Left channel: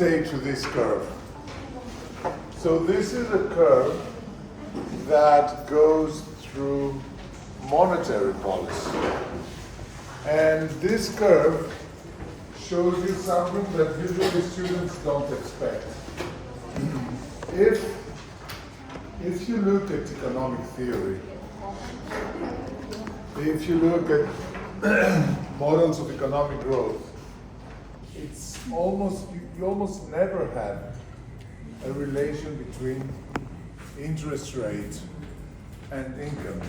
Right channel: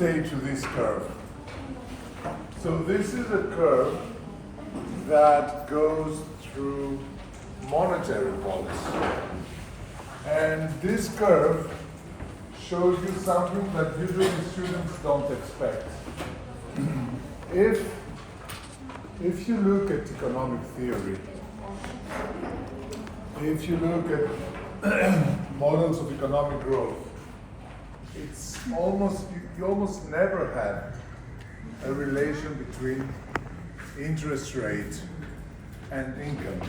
say to this curve? So this is a curve that goes through monetary policy. And this curve shows you something that usually students don't expect. If you look at economic theory, if you look at models of economic growth, it's almost, you almost never have a relation between interest rate and income.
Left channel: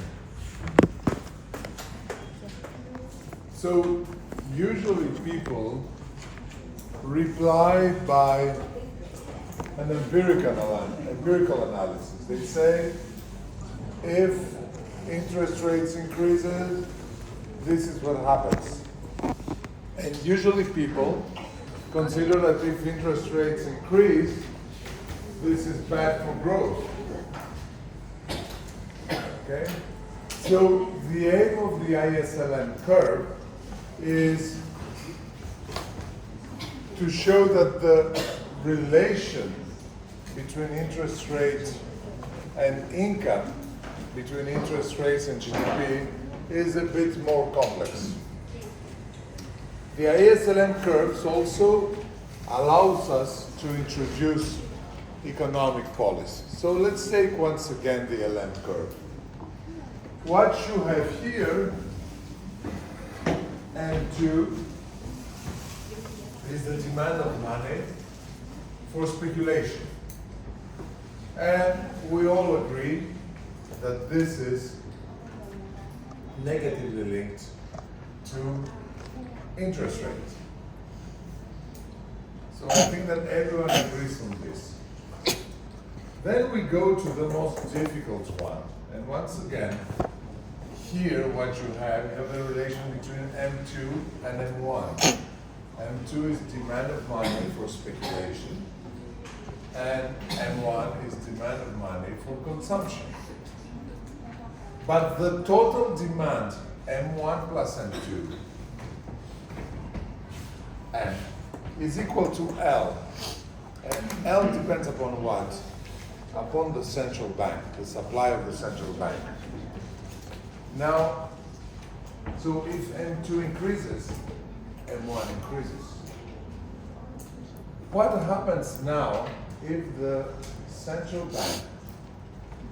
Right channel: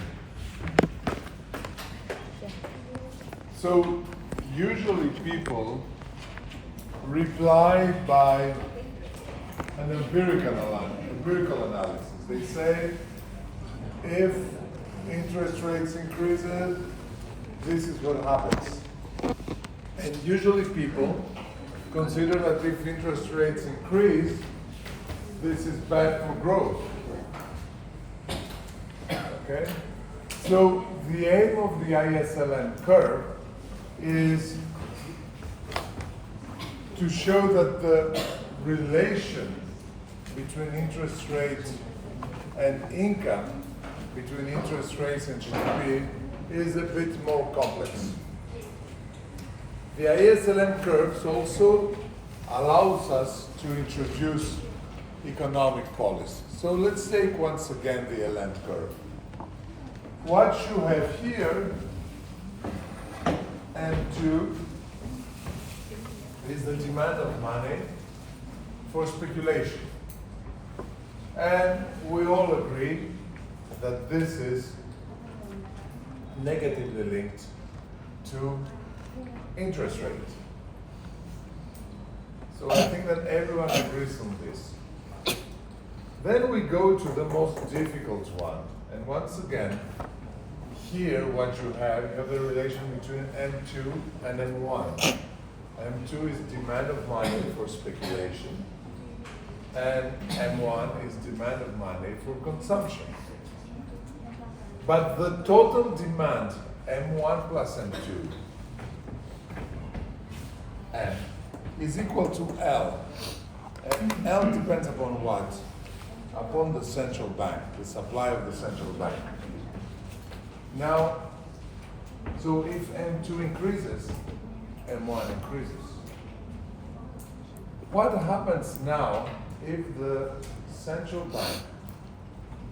So usually people reply by an empirical analysis. They say, if interest rates increases, this is what happens. And usually people consider that if interest rates increase, this is bad for growth. Okay? So the aim of the ISLM curve is to show that the relation between interest rates and income, between interest rates and GDP, is a bit more complex. The ISLM curves also allows us to introduce economic policy. So let's take once again the LM curve. What you have here, M2, is the demand of money for speculation. And we all agree that this is negatively linked to interest rates. So I think that everyone agrees on this. Then we go to the most difficult one. And once again, here what you have the relation between M2 and M1. M2 is demand of money for speculation, and M1 is demand of money for consumption. But the total demand, M1 plus M2, M, is equal to L. And L depends upon what? Upon the central bank, the supply of the central bank. Now, so if M2 increases, M1 increases. What happens now if the central bank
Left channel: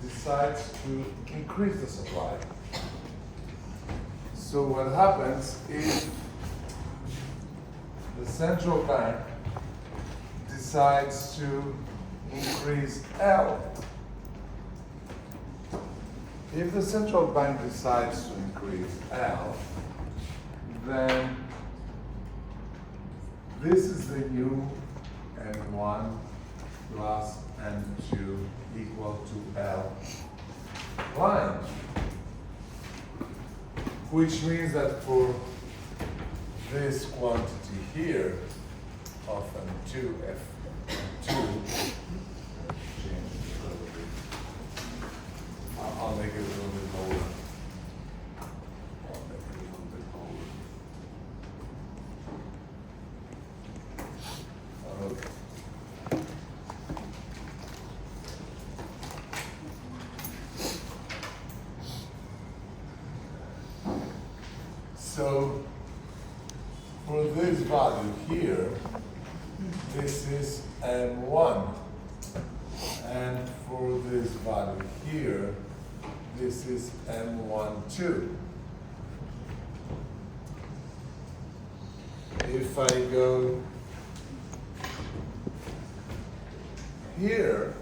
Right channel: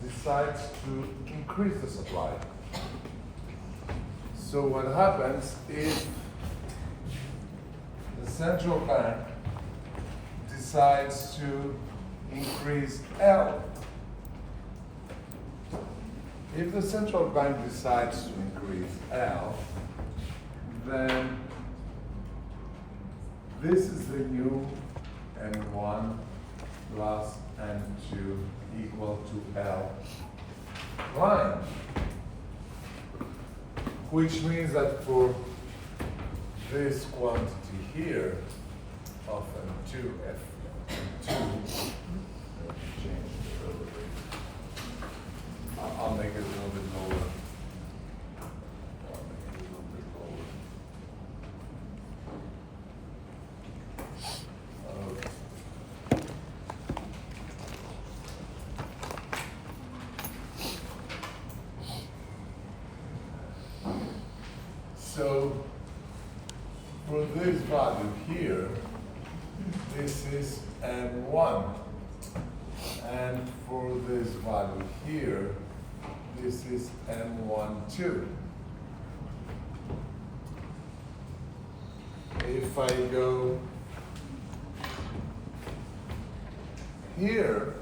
decides to increase the supply? So what happens if the central bank decides to increase L? If the central bank decides to increase L, then this is the new M1 plus M2 equal to L line, which means that for this quantity here of M2, F2, I'll make it a little bit lower. Okay. So for this value here, this is M1. And for this value here, this is M12. If I go here,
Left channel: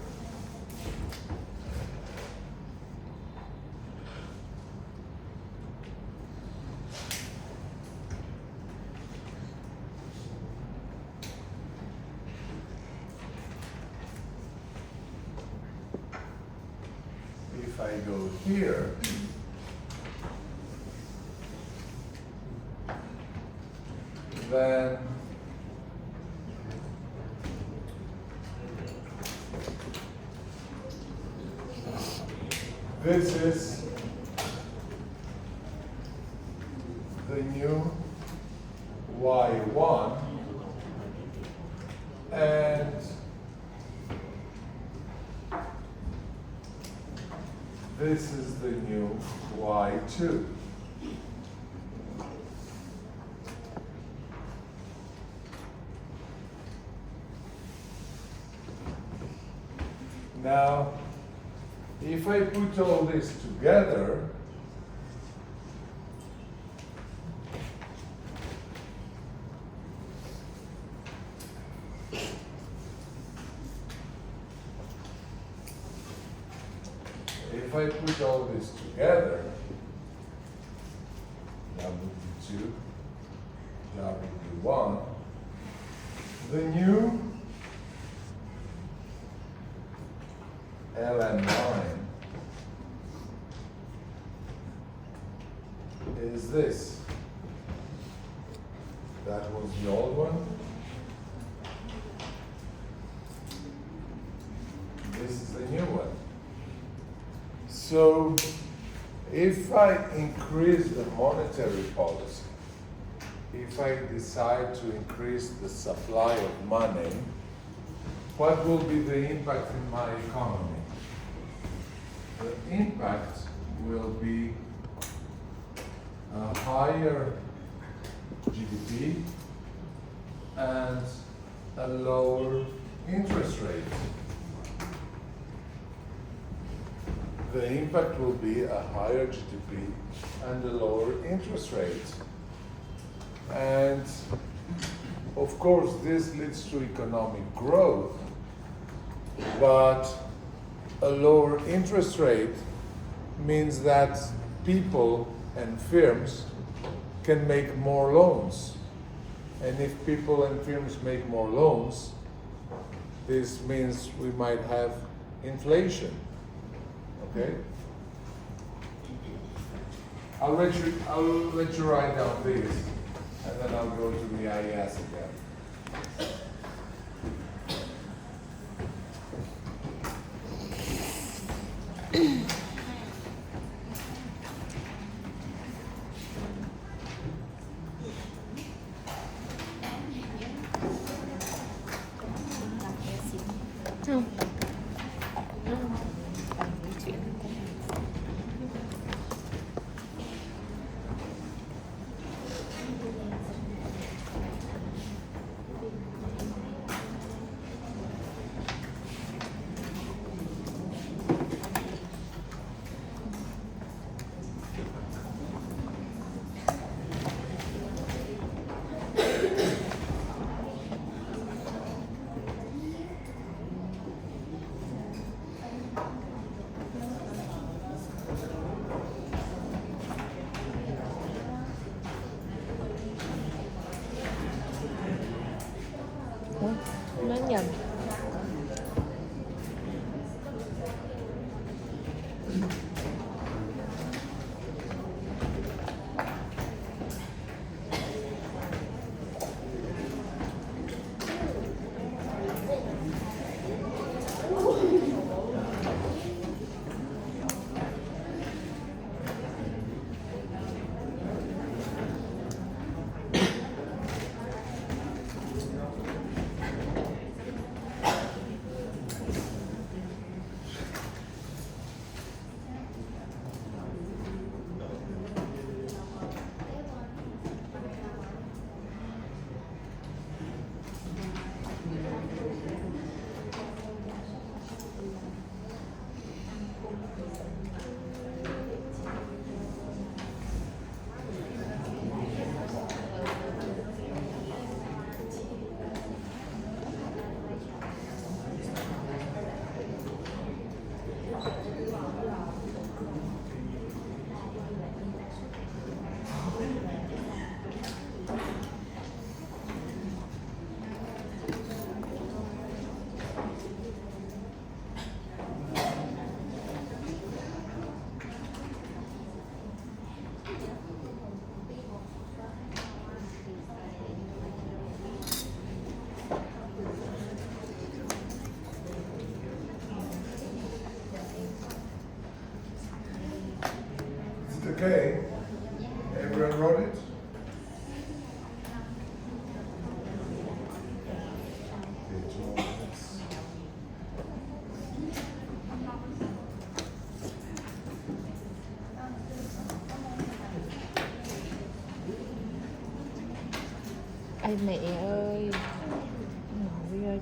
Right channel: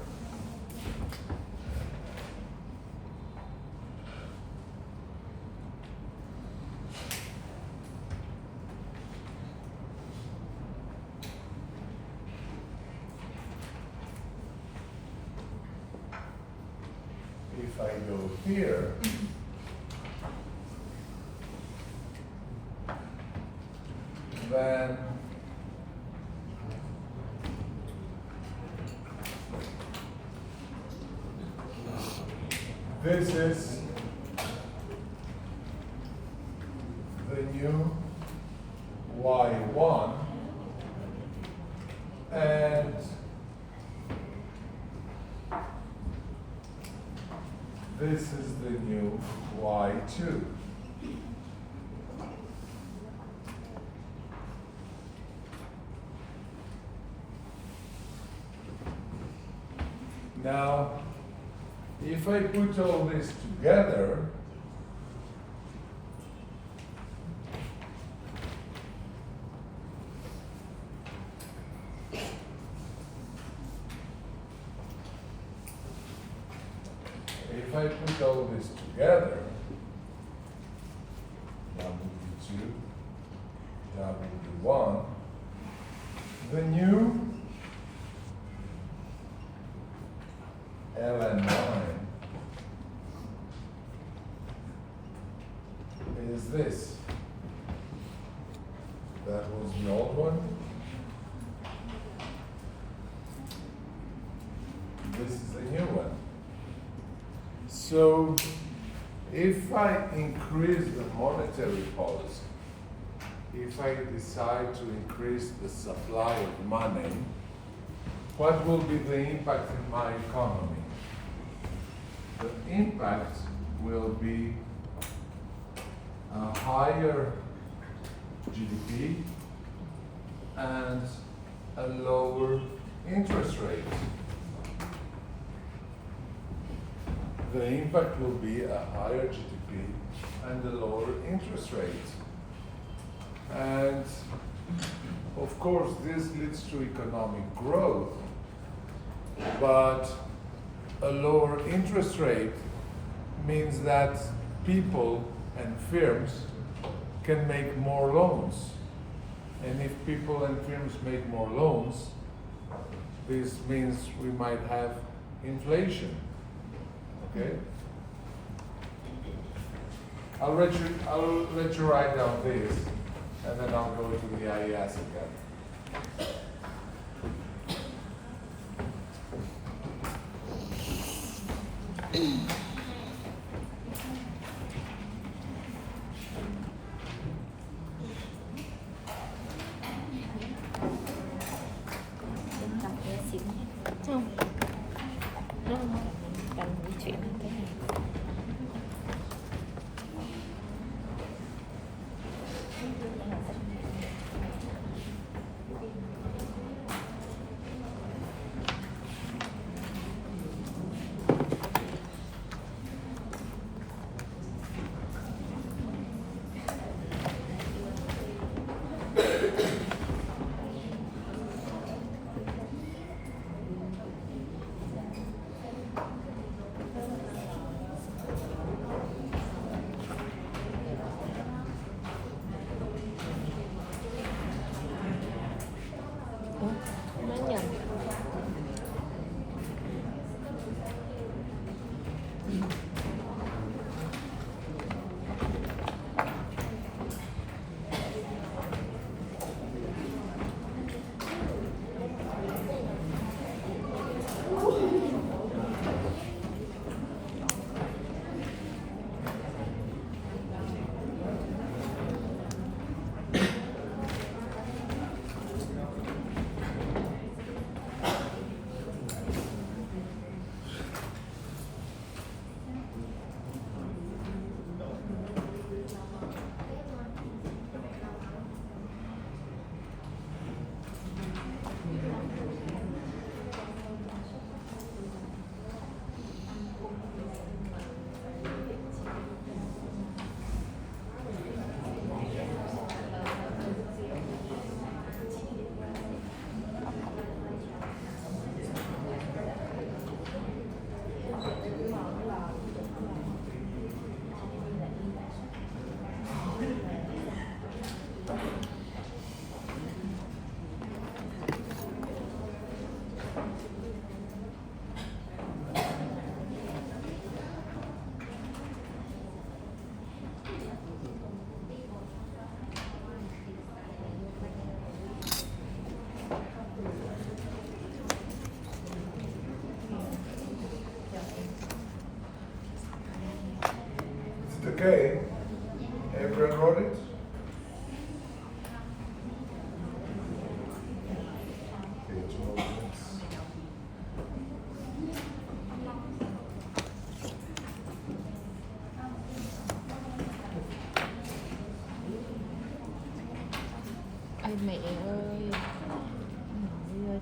if I go here, then this is the new Y1 and this is the new y2. Now, if I put all this together, W2, W1, the new LN9 is this. That was the old one. This is the new one. So if I increase the monetary policy, if I decide to increase the supply of money, what will be the impact in my economy? The impact will be a higher GDP and a lower interest rate. The impact will be a higher GDP and a lower interest rate. And of course, this leads to economic growth, but a lower interest rate means that people and firms can make more loans. And if people and firms make more loans, this means we might have inflation. Okay? I'll let you write down this, and then I'll go to the IES again. Không, nó cần di chuyển thế này. Nó nhầm.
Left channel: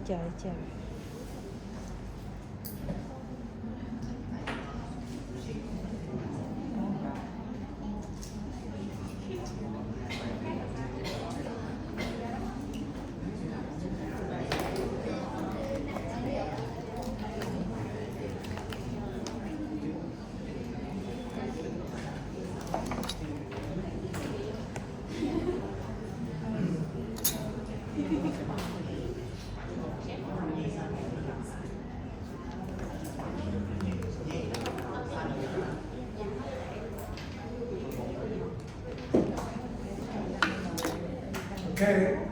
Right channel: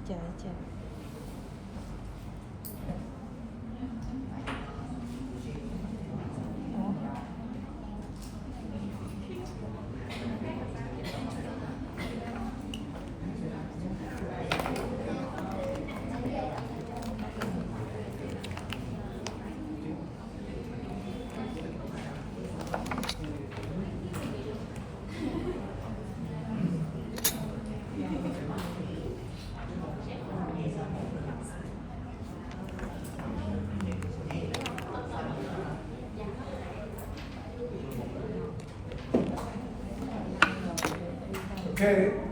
chờ. Okay.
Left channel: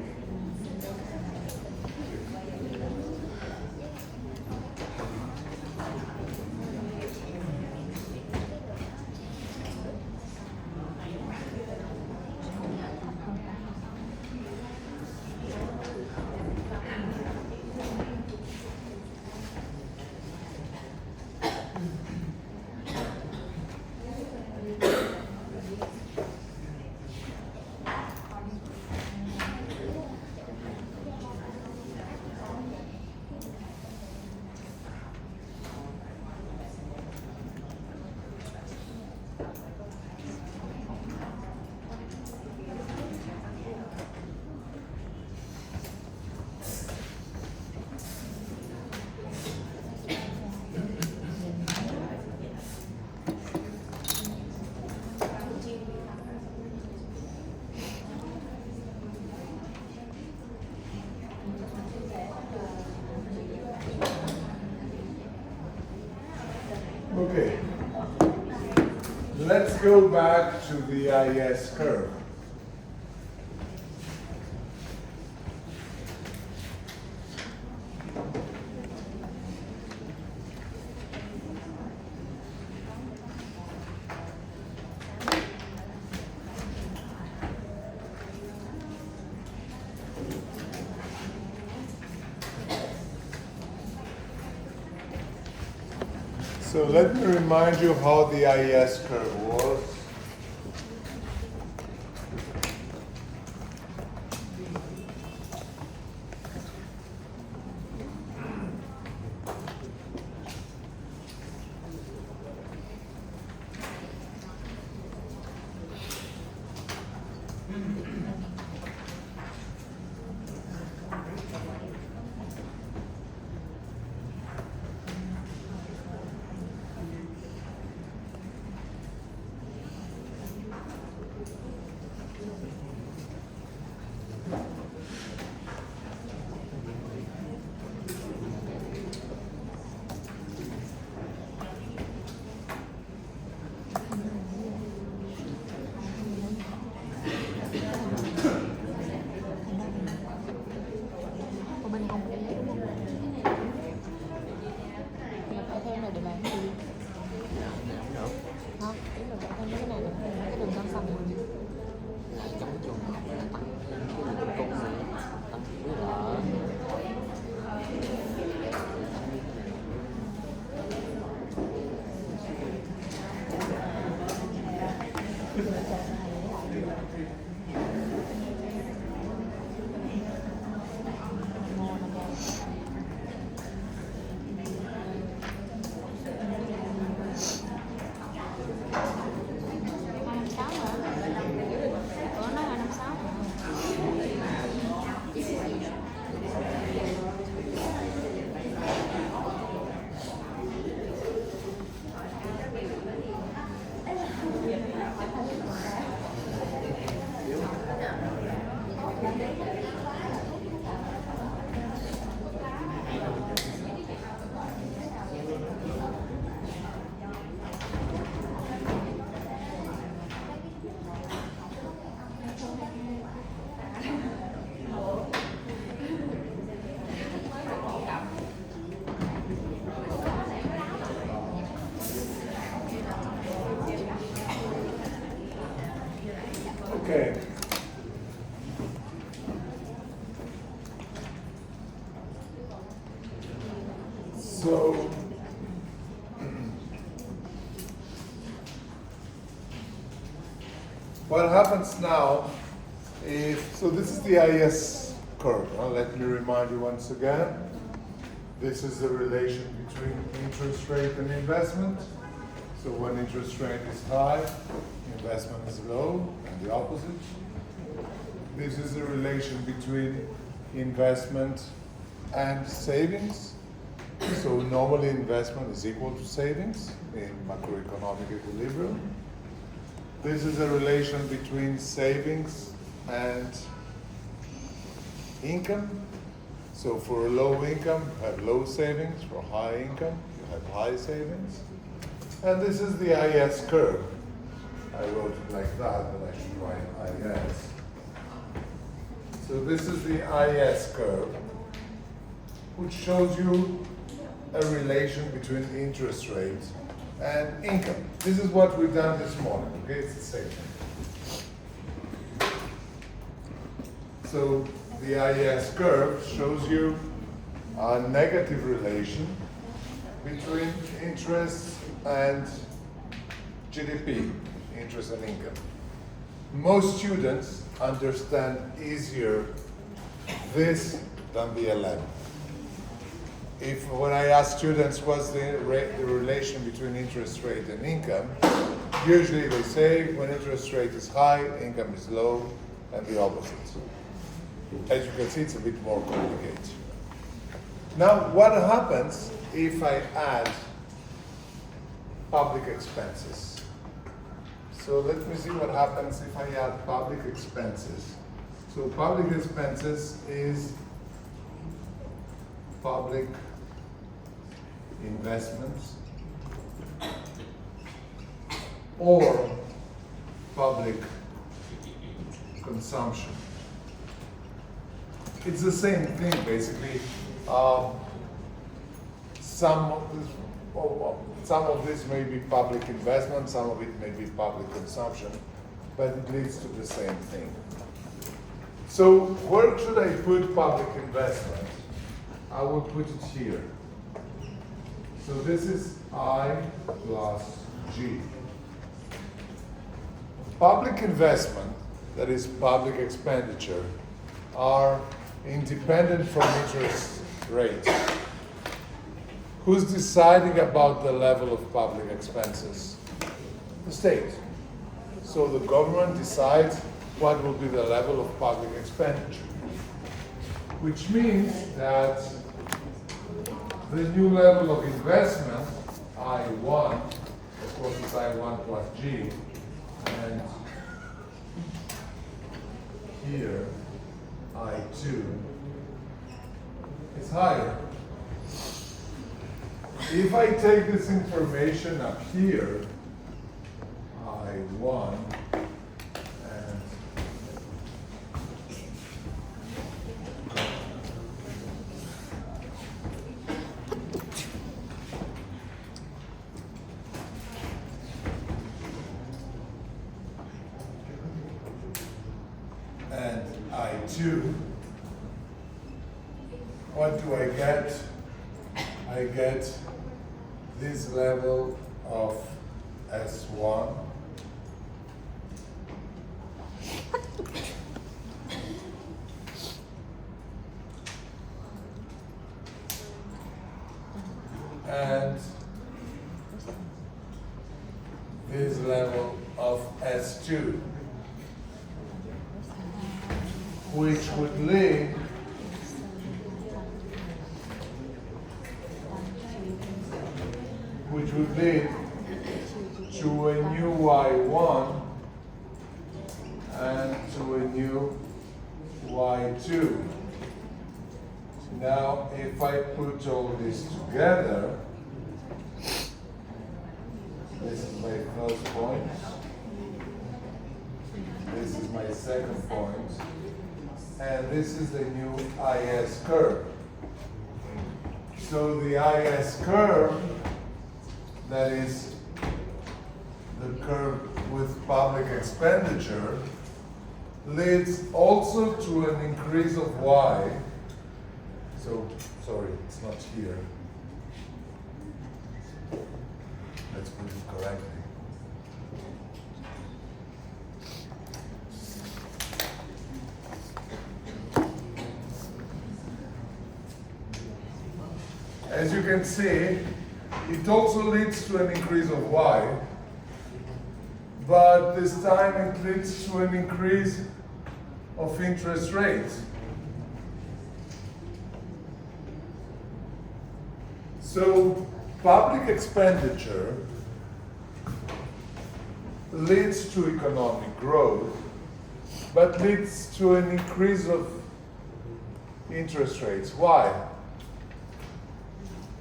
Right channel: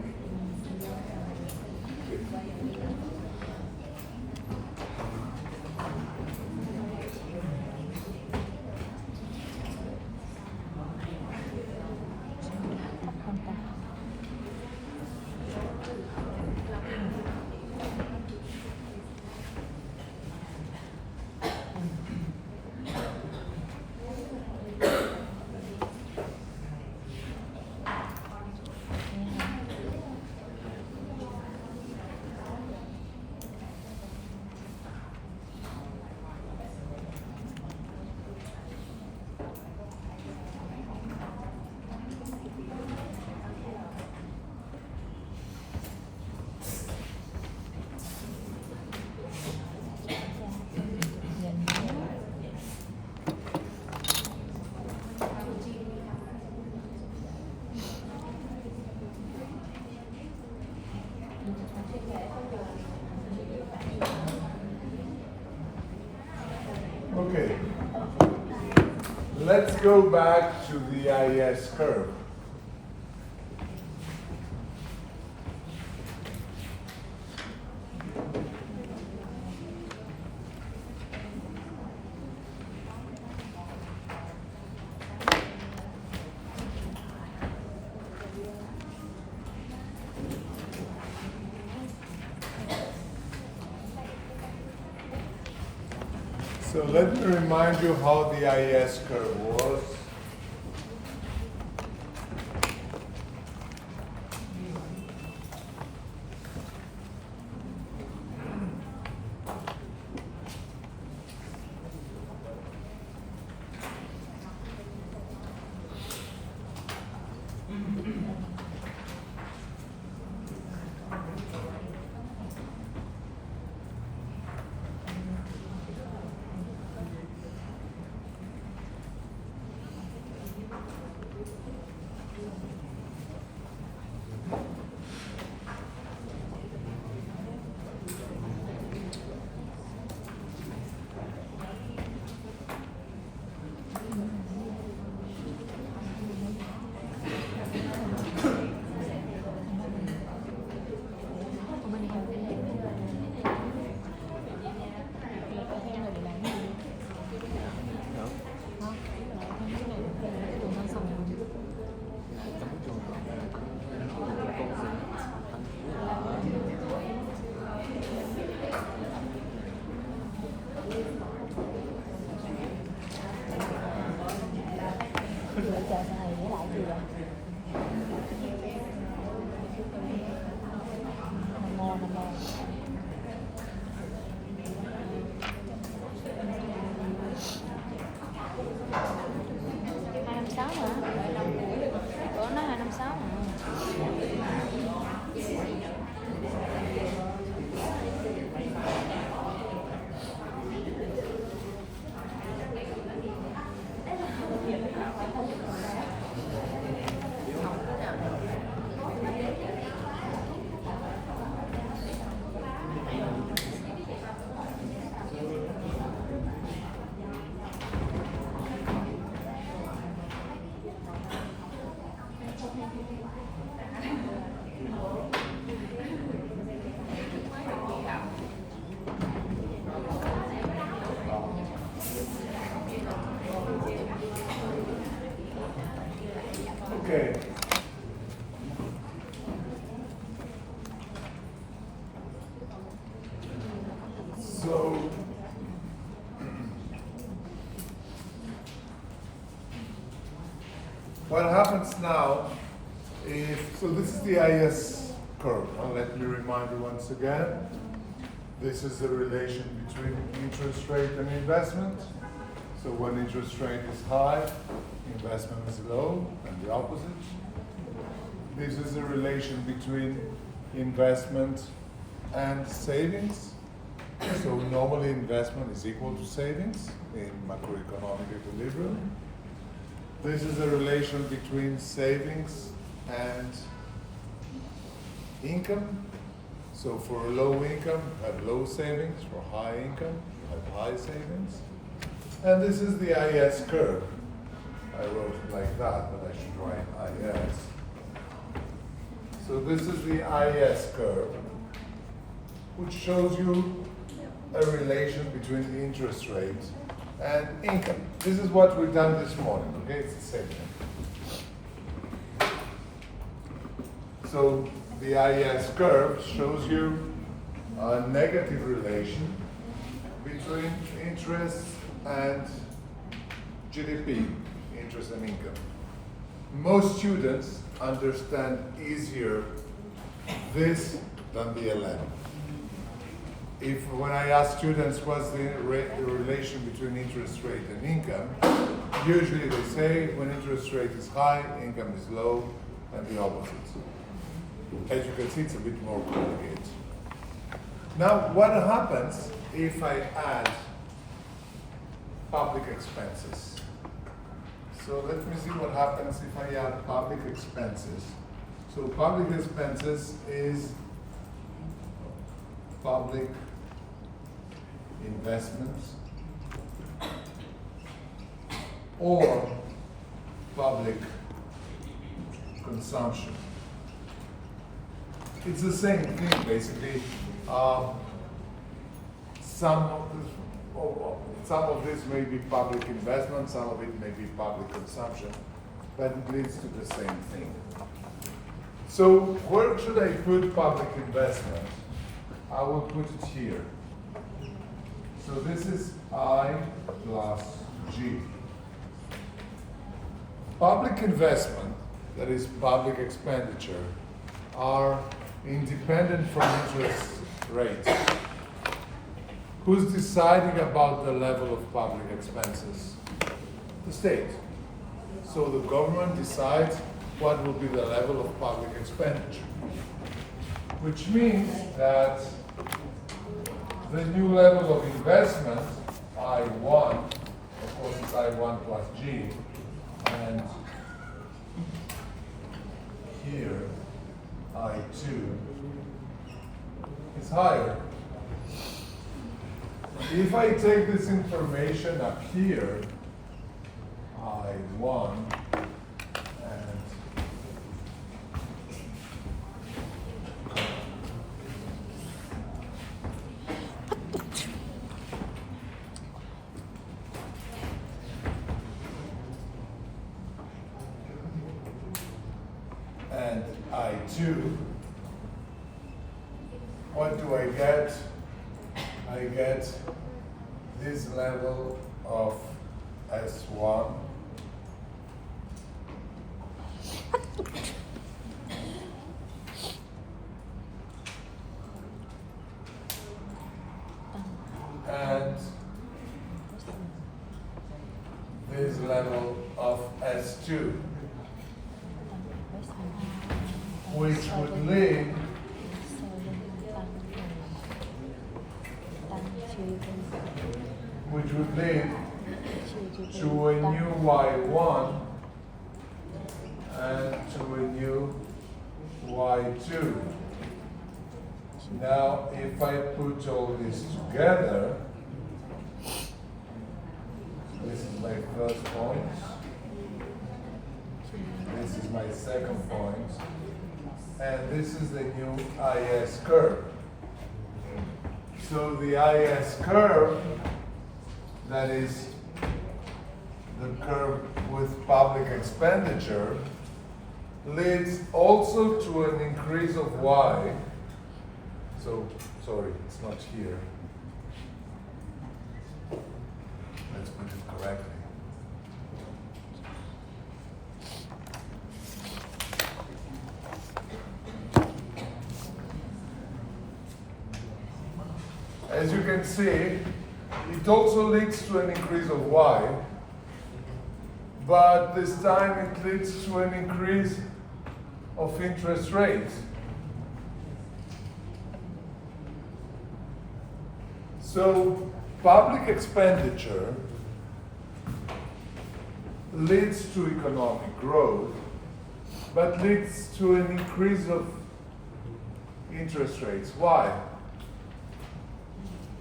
Okay, let's go back to the IS curve. So let me remind you how the IS curve was. Okay. So what happens now is, so this is the IS curve. Let me remind you once again. This is the relation between interest rate and investment. So when interest rate is high, investment is low, and the opposite. This is the relation between investment and savings. So normally investment is equal to savings in macroeconomic equilibrium. This is a relation between savings and income. So for a low income, you have low savings. For high income, you have high savings. And this is the IS curve. I wrote it like that, but I should write IS. So this is the IS curve, which shows you a relation between interest rate and income. This is what we've done this morning, okay? It's the same thing. So the IS curve shows you a negative relation between interest and GDP, interest and income. Most students understand easier this than the 11. If when I ask students what's the relation between interest rate and income, usually they say when interest rate is high, income is low, and the opposite. As you can see, it's a bit more complicated. Now, what happens if I add public expenses? So let me see what happens if I add public expenses. So public expenses is public investments or public consumption. It's the same thing, basically. Some of this may be public investment, some of it may be public consumption, but it leads to the same thing. So where should I put public investment? I will put it here. So this is I plus G. Public investment, that is public expenditure, are independent from interest rates. Who's deciding about the level of public expenses? The state. So the government decides what will be the level of public expenditure, which means that the new level of investment, I1, of course it's I1 plus G, and here, I2, is higher. If I take this information up here, I1, and I2, what do I get? I get this level of S1 and this level of S2, which would lead to a new Y1 and to a new Y2. Now, if I put all this together, this is my first point, this is my second point, and this is the new IS curve. So the IS curve, that is the curve with public expenditure, leads also to an increase of Y. So, sorry, it's not here. Let's put it correctly. as you can see, it also leads to an increase of y, but this time it leads to an increase of interest rates. So public expenditure leads to economic growth, but leads to an increase of interest rates. Why?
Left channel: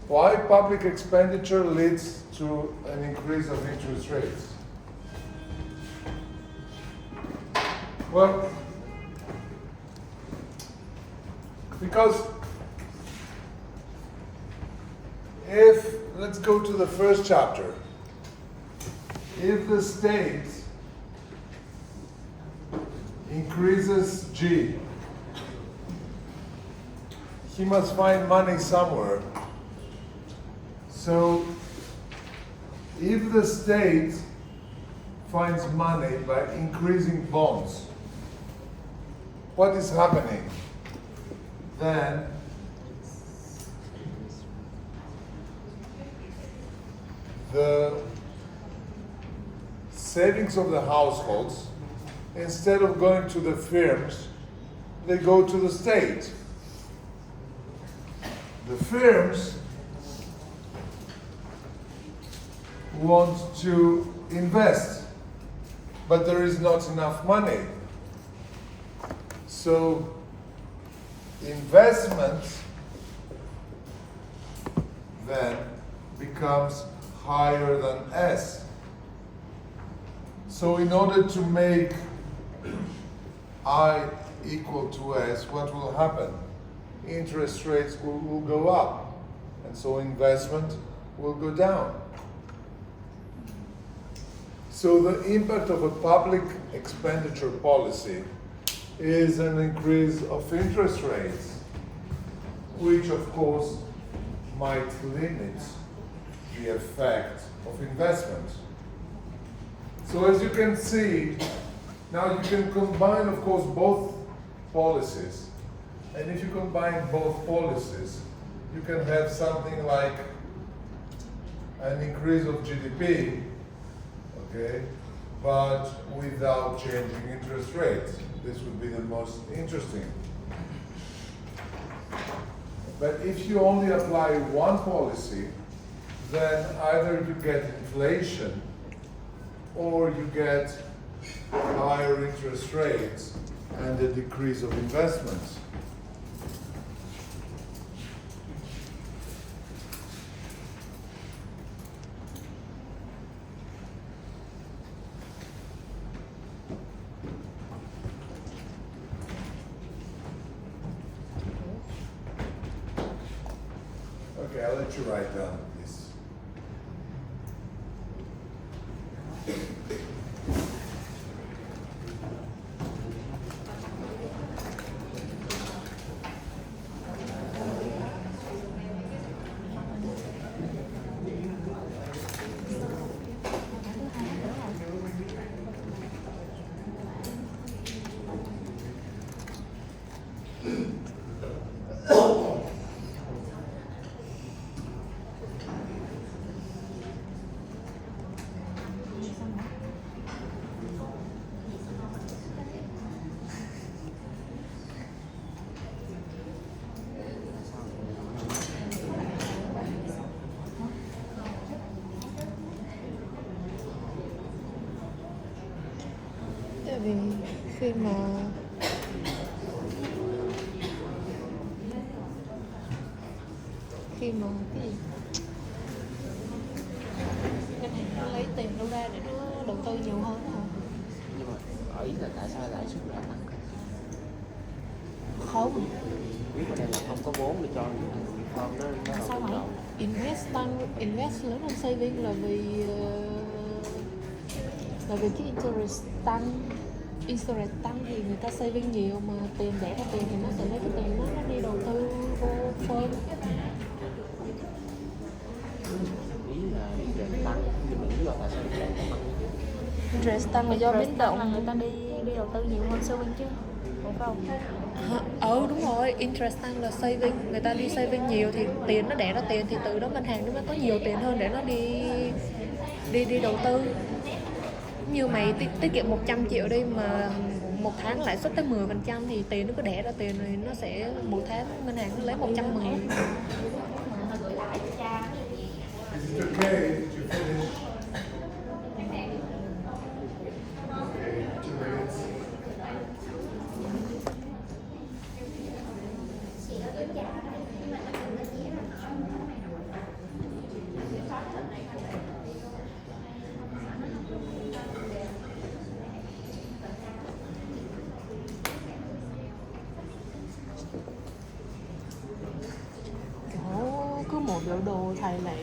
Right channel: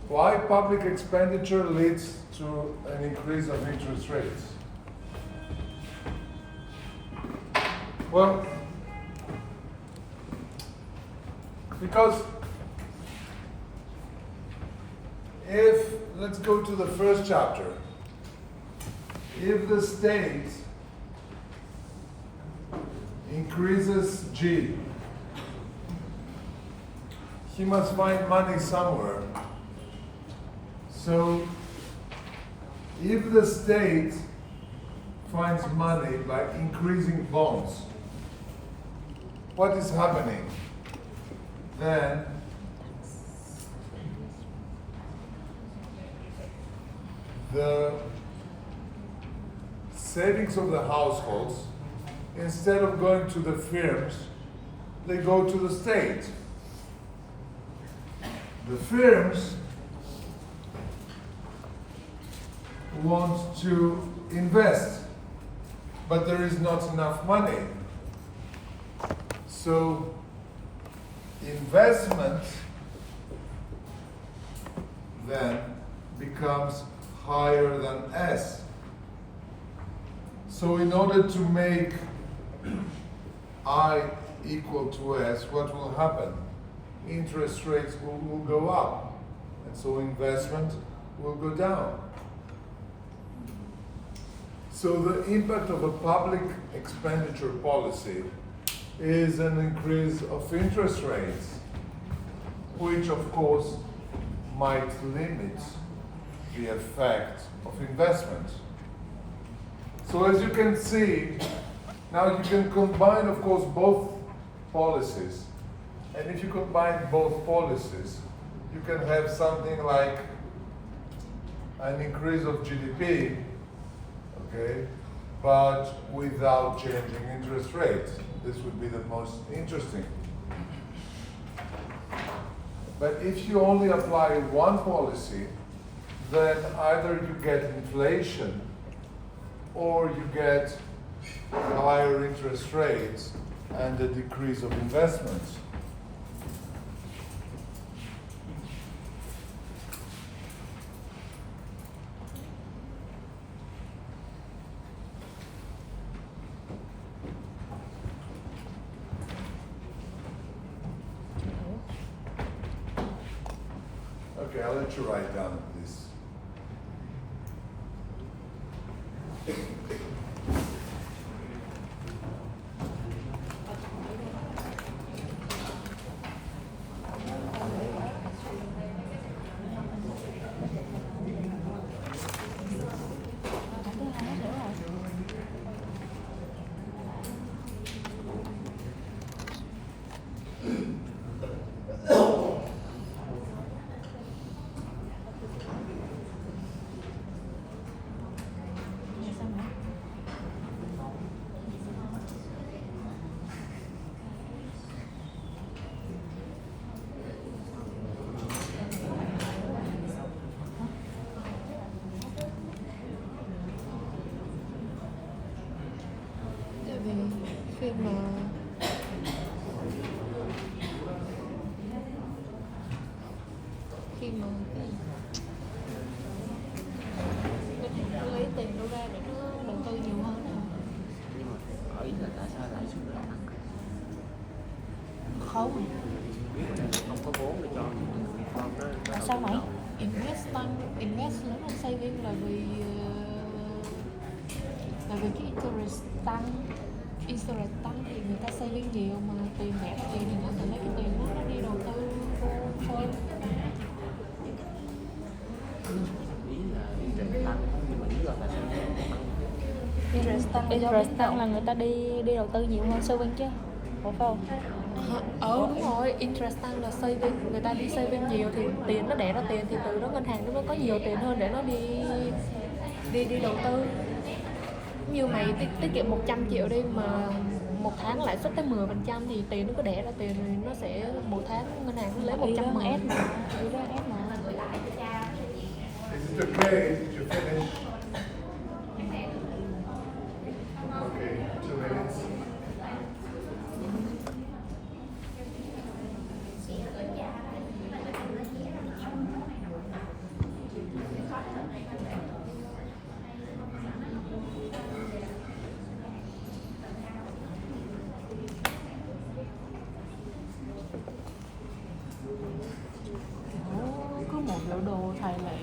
Why public expenditure leads to an increase of interest rates? Well, because let's go to the first chapter. If the state increases G, he must find money somewhere. So if the state finds money by increasing bonds, what is happening? Then the savings of the households, instead of going to the firms, they go to the state. The firms want to invest, but there is not enough money. So investment then becomes higher than S. So in order to make I equal to S, what will happen? Interest rates will go up, and so investment will go down. So the impact of a public expenditure policy is an increase of interest rates, which of course might limit the effect of investment. So as you can see, now you can combine, of course, both policies. And if you combine both policies, you can have something like an increase of GDP, okay, but without changing interest rates. This would be the most interesting. But if you only apply one policy, then either you get inflation or you get higher interest rates and a decrease of investments. Okay, I'll let you write down this. Vì khi mà nó lấy tiền đâu ra để nó đầu tư nhiều hơn hả? Ý là tại sao lãi suất lại tăng? Không, Không có vốn để cho con nó sao mày? Invest lớn hơn saving là vì cái interest tăng thì người ta saving nhiều, mà tiền để ra tiền thì nó tự lấy cái tiền nó đi đầu tư vô phone. ý là interest tăng thì mình biết là tại sao Interest tăng là do biến động. là người ta đi đầu tư nhiều hơn saving chứ, phải không? Đúng rồi, interest tăng là saving, người ta đi saving nhiều thì tiền nó đẻ ra tiền thì từ đó ngân hàng nó mới có nhiều tiền hơn để nó đi đầu tư. Như mày tiết kiệm 100 triệu đi mà một tháng lãi suất tới 10% thì tiền nó cứ đẻ ra tiền rồi nó sẽ mỗi tháng ngân hàng nó lấy 110. Is it okay to finish? Okay, 2 minutes. Cứ một biểu đồ thầy lại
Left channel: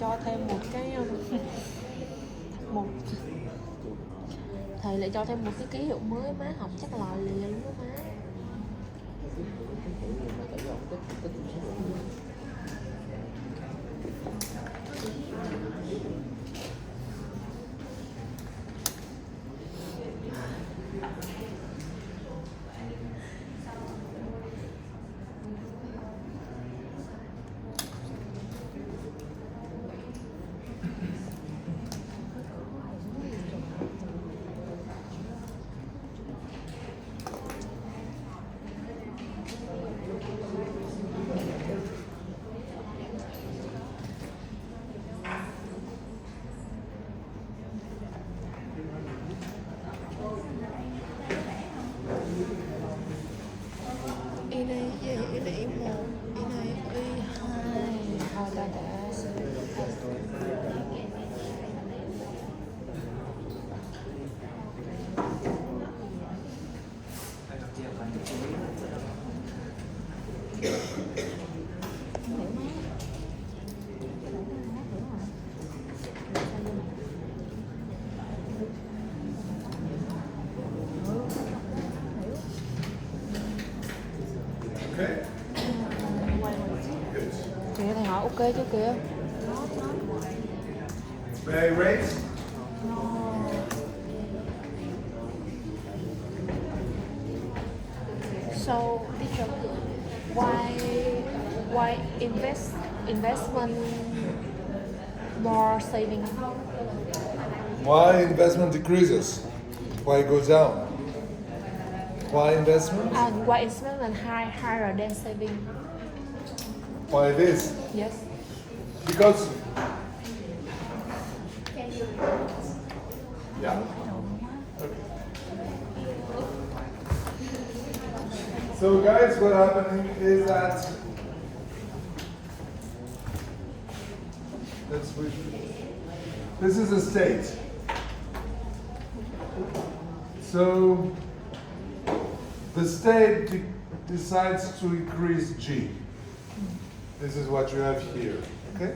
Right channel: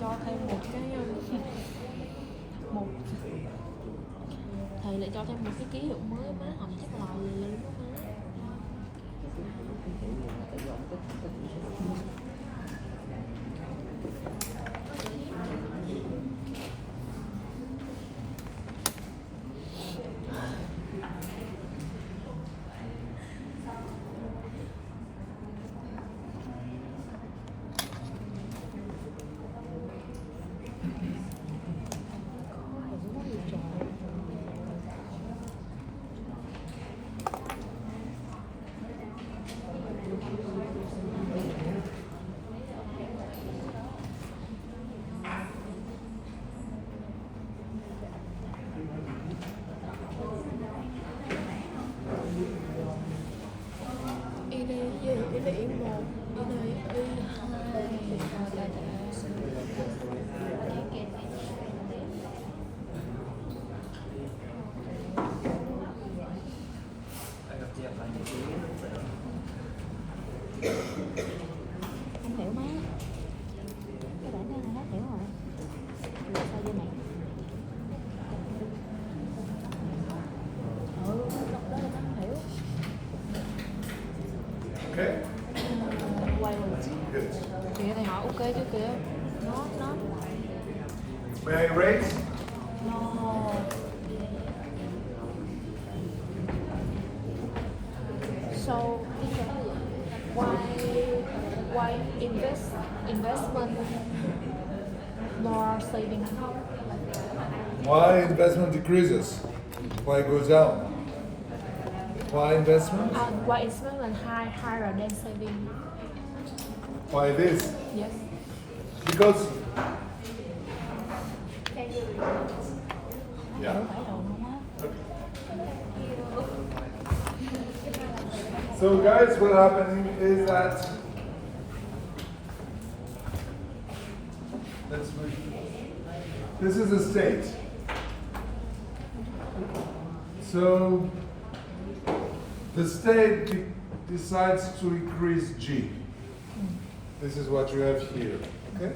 cho thêm một cái thầy lại cho thêm một cái ký hiệu mới, má học chắc là liền đó má. Y này gì? Y này Y1, Y này Y2, 2, 3, Okay? Good. Kìa thầy hỏi ok chứ kìa. May I rate? So teacher, why investment more saving? Why investment decreases? Why goes down? Why investment? Why investment higher than saving? Why this? Yes. Because yeah. Okay. So guys, what happening is that this is a state. So the state decides to increase G. This is what you have here, okay?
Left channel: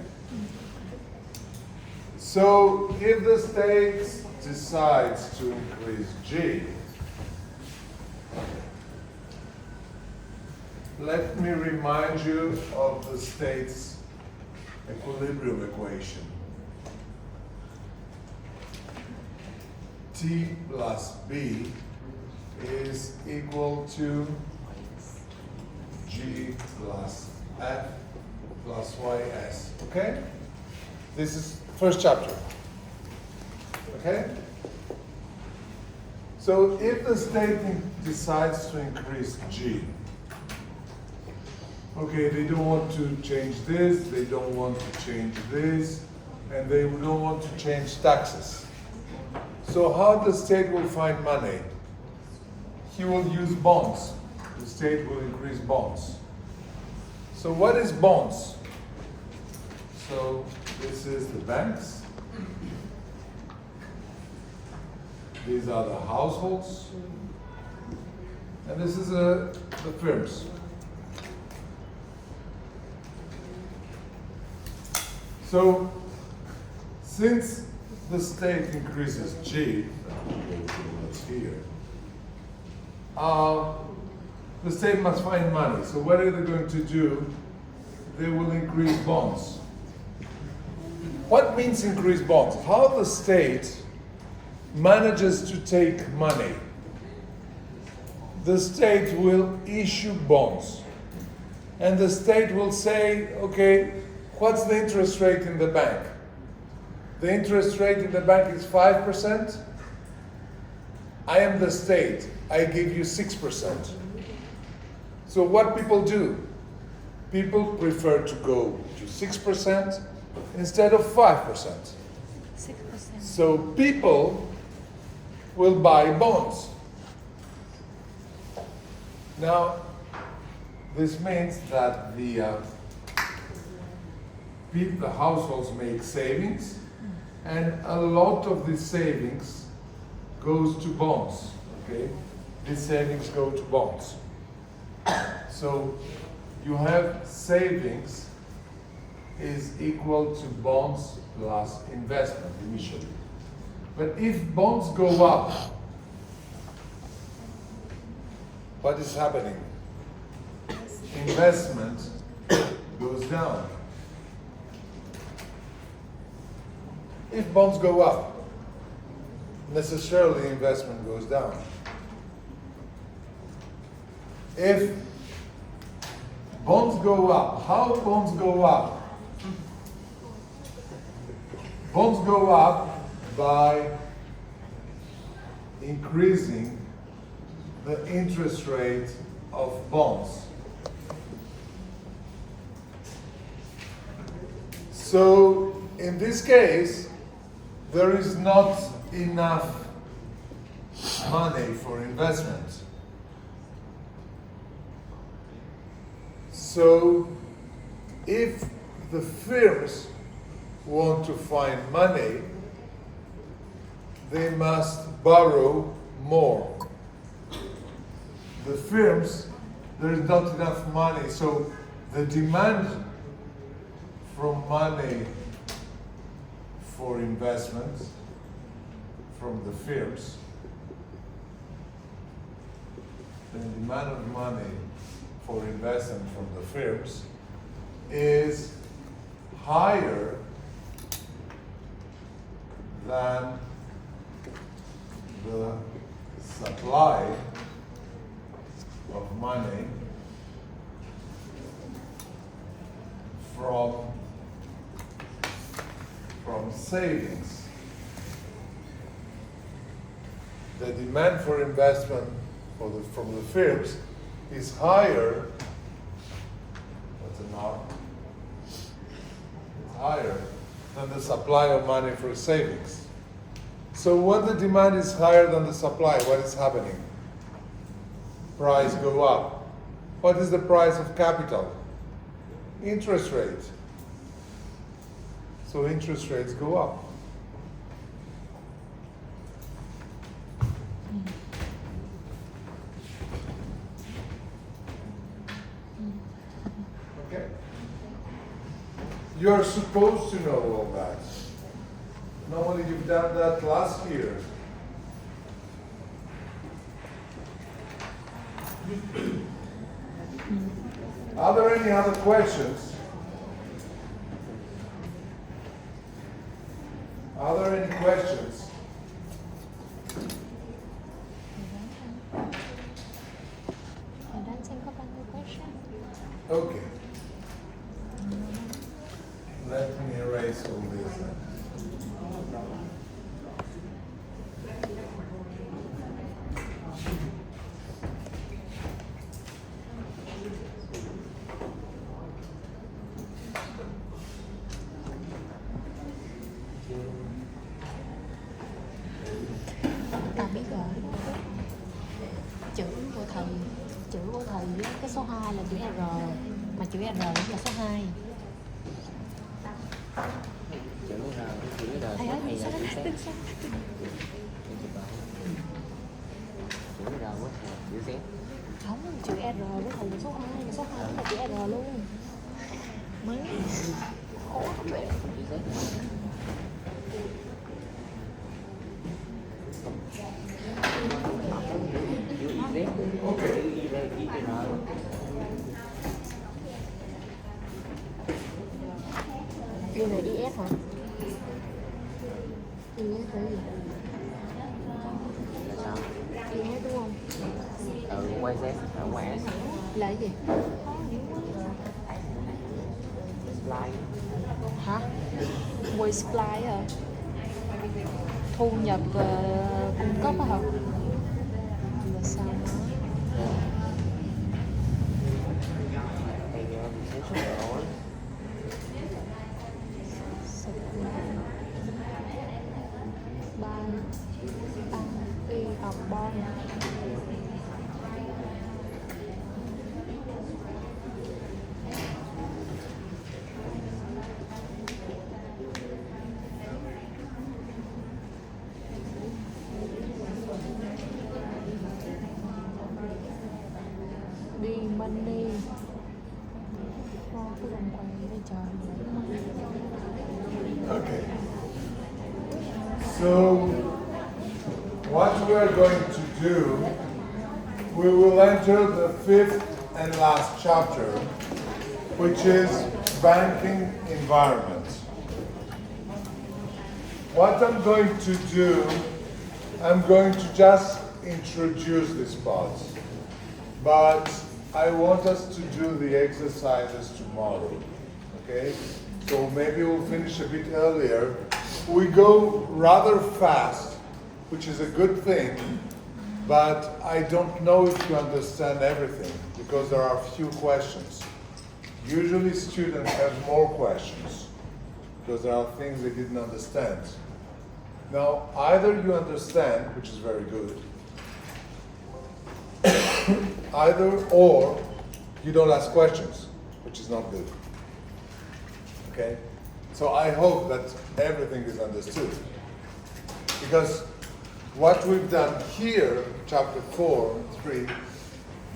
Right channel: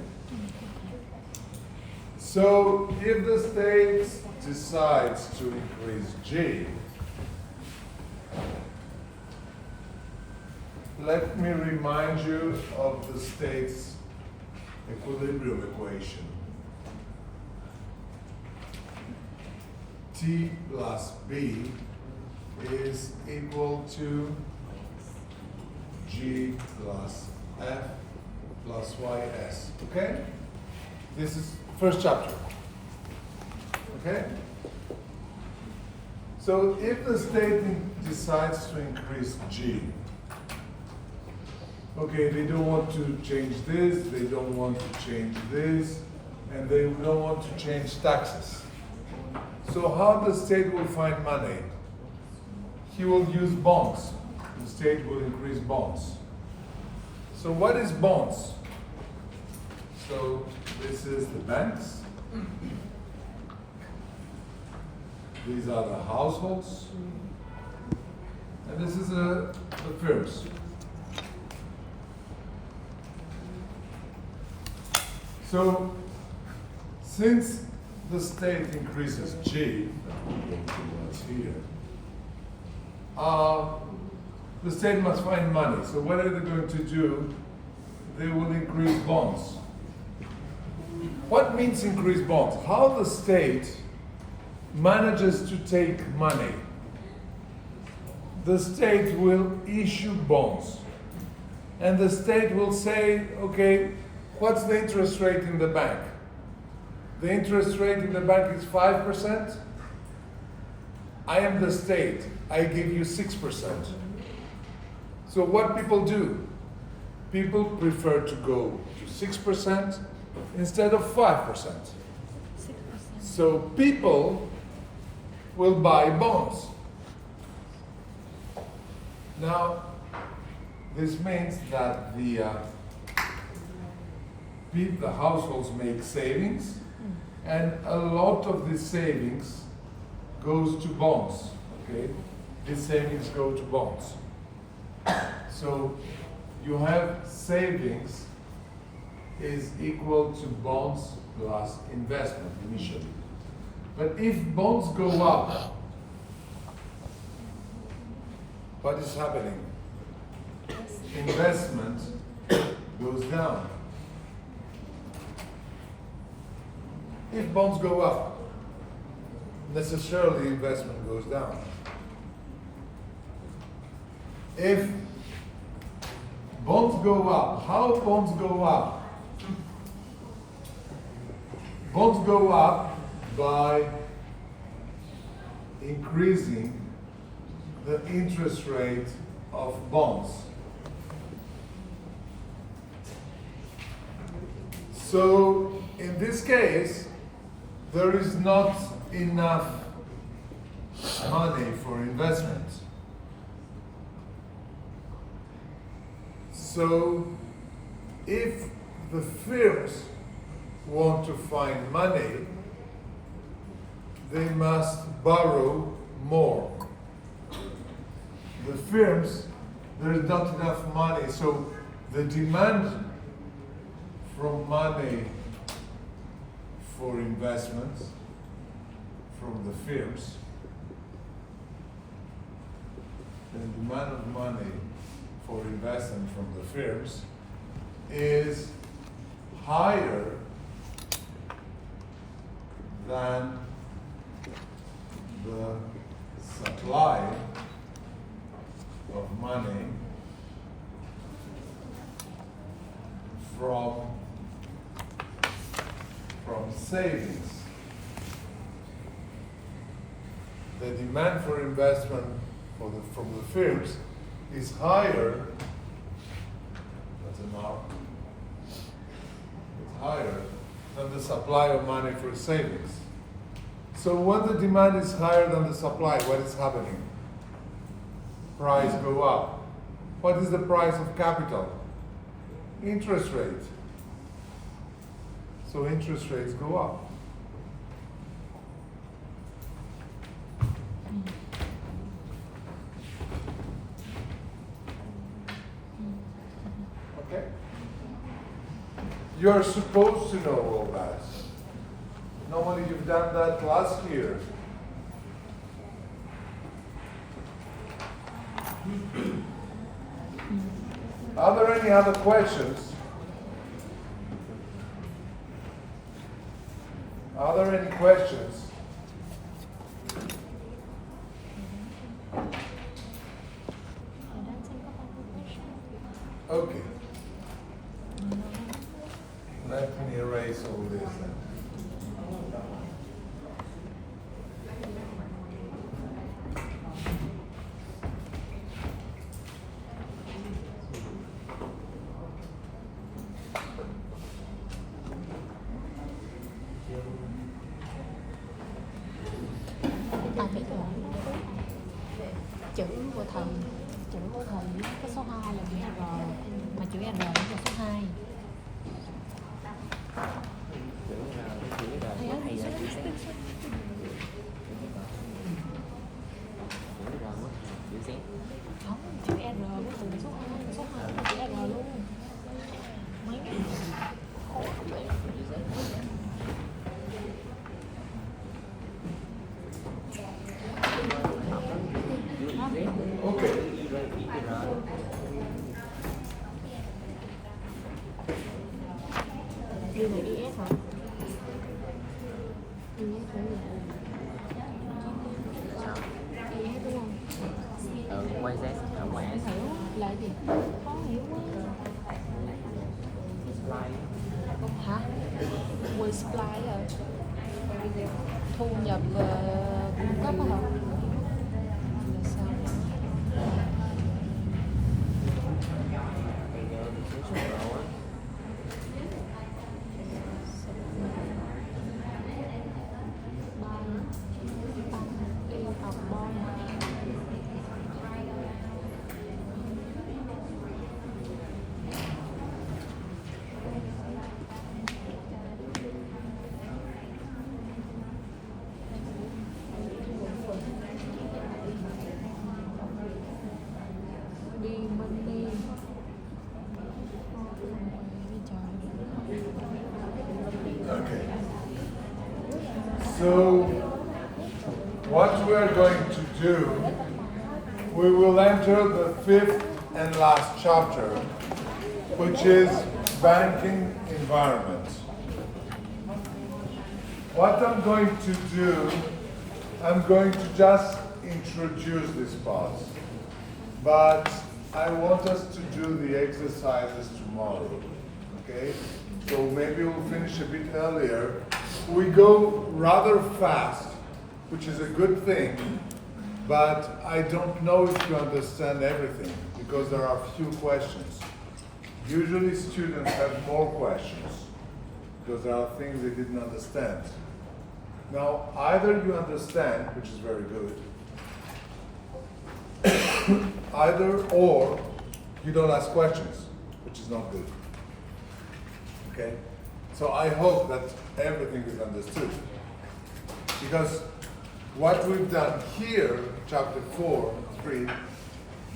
So if the state decides to increase G, let me remind you of the state's equilibrium equation. T plus B is equal to G plus F plus YS, okay? This is first chapter, okay? So if the state decides to increase G, okay, they don't want to change this, they don't want to change this, and they don't want to change taxes. So how the state will find money? He will use bonds. The state will increase bonds. So what is bonds? So this is the banks. These are the households. And this is the firms. So since the state increases G, it's here, the state must find money. So what are they going to do? They will increase bonds. What means increase bonds? How the state manages to take money the state will issue bonds. And the state will say, okay, what's the interest rate in the bank? The interest rate in the bank is 5%. I am the state. I give you 6%. So what people do? People prefer to go to 6% instead of 5%. 6%. So people will buy bonds. Now, this means that the households make savings, and a lot of these savings goes to bonds. Okay, these savings go to bonds. So you have savings is equal to bonds plus investment initially. But if bonds go up, what is happening? Investment goes down. If bonds go up, necessarily investment goes down. If bonds go up, how bonds go up? Bonds go up by increasing the interest rate of bonds. So in this case, there is not enough money for investment. So if the firms want to find money, they must borrow more. The firms, there is not enough money, so the demand from money for investments from the firms, the demand of money for investment from the firms is higher than the supply of money from savings. The demand for investment from the firms is higher, that's enough, it's higher than the supply of money for savings. So when the demand is higher than the supply, what is happening? Price go up. What is the price of capital? Interest rate. So interest rates go up. Okay? You're supposed to know all that. Normally you've done that last year. Are there any other questions? Are there any questions? Okay. Let me erase all this then. Ta biết rồi. Chữ của thầy á, cái số 2 là chữ R, mà chữ R là số 2. Thầy ơi, thầy sao đó? Không, chữ R của thầy là số 2, là số 2 cũng là chữ R luôn. Mấy khó vậy. Okay. Đây là IS hả? IS là gì? IS đúng không? supply rồi, thu nhập và cung cấp á không? Là sao nữa? Okay. So, what we are going to do, we will enter the fifth and last chapter, which is banking environment. What I'm going to do, I'm going to just introduce this part, but I want us to do the exercises tomorrow, okay? So maybe we'll finish a bit earlier. We go rather fast, which is a good thing, but I don't know if you understand everything because there are a few questions. Usually students have more questions because there are things they didn't understand. Now, either you understand, which is very good, either or you don't ask questions, which is not good. Okay? So I hope that everything is understood. Because what we've done here, chapter 4, 3,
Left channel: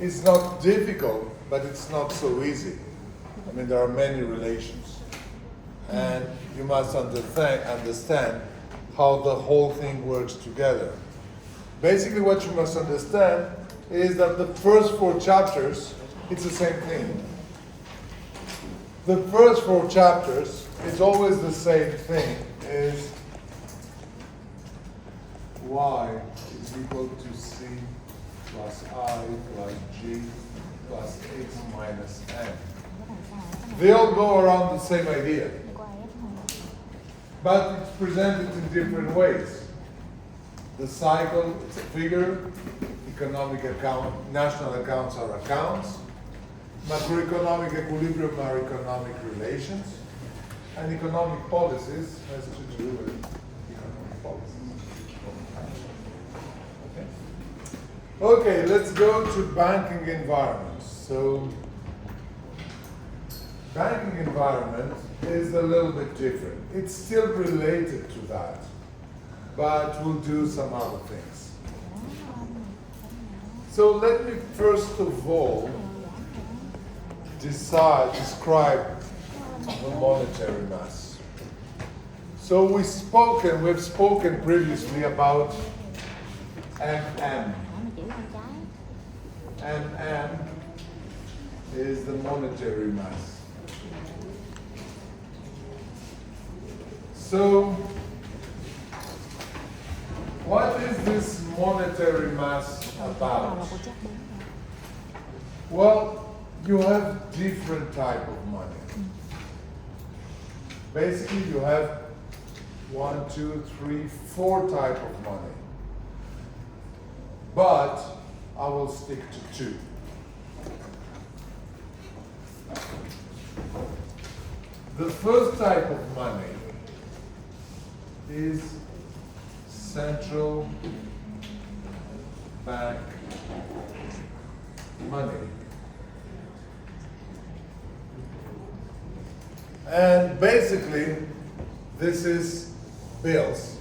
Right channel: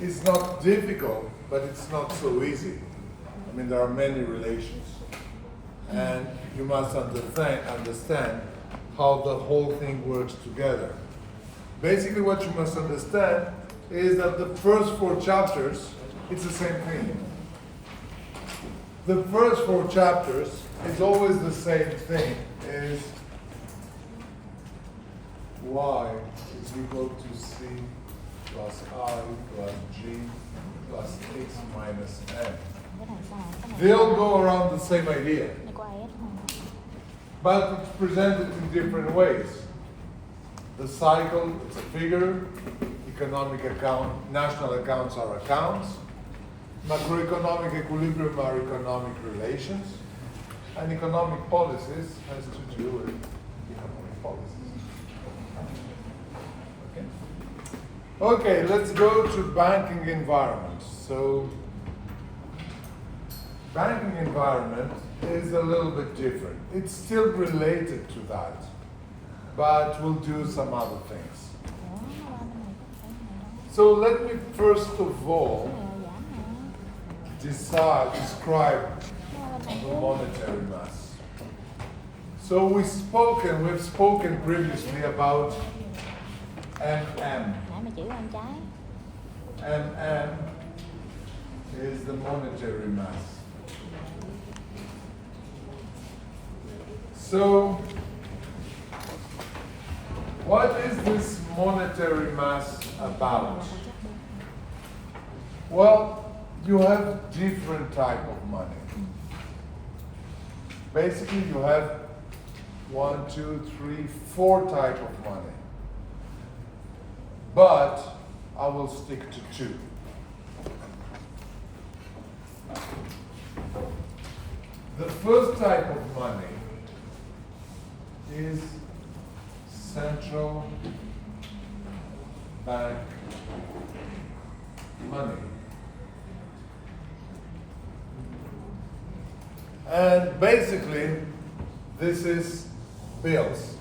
is not difficult, but it's not so easy. I mean, there are many relations. And you must understand how the whole thing works together. Basically, what you must understand is that the first 4 chapters, it's the same thing. The first 4 chapters is always the same thing, is y is equal to c plus I plus g plus x minus m. They all go around the same idea, but it's presented in different ways. The cycle, it's a figure. Economic account, national accounts are accounts. Macroeconomic equilibrium are economic relations. And economic policies has to do with economic policies. Okay. Okay, let's go to banking environment. So, banking environment is a little bit different. It's still related to that, but we'll do some other things. So let me first of all describe the monetary mass. So we've spoken previously about MM. MM is the monetary mass. So, what is this monetary mass about? Well, you have different type of money. Basically, you have 1, 2, 3, 4 type of money. But I will stick to 2. The first type of money is central bank money. And basically, this is bills.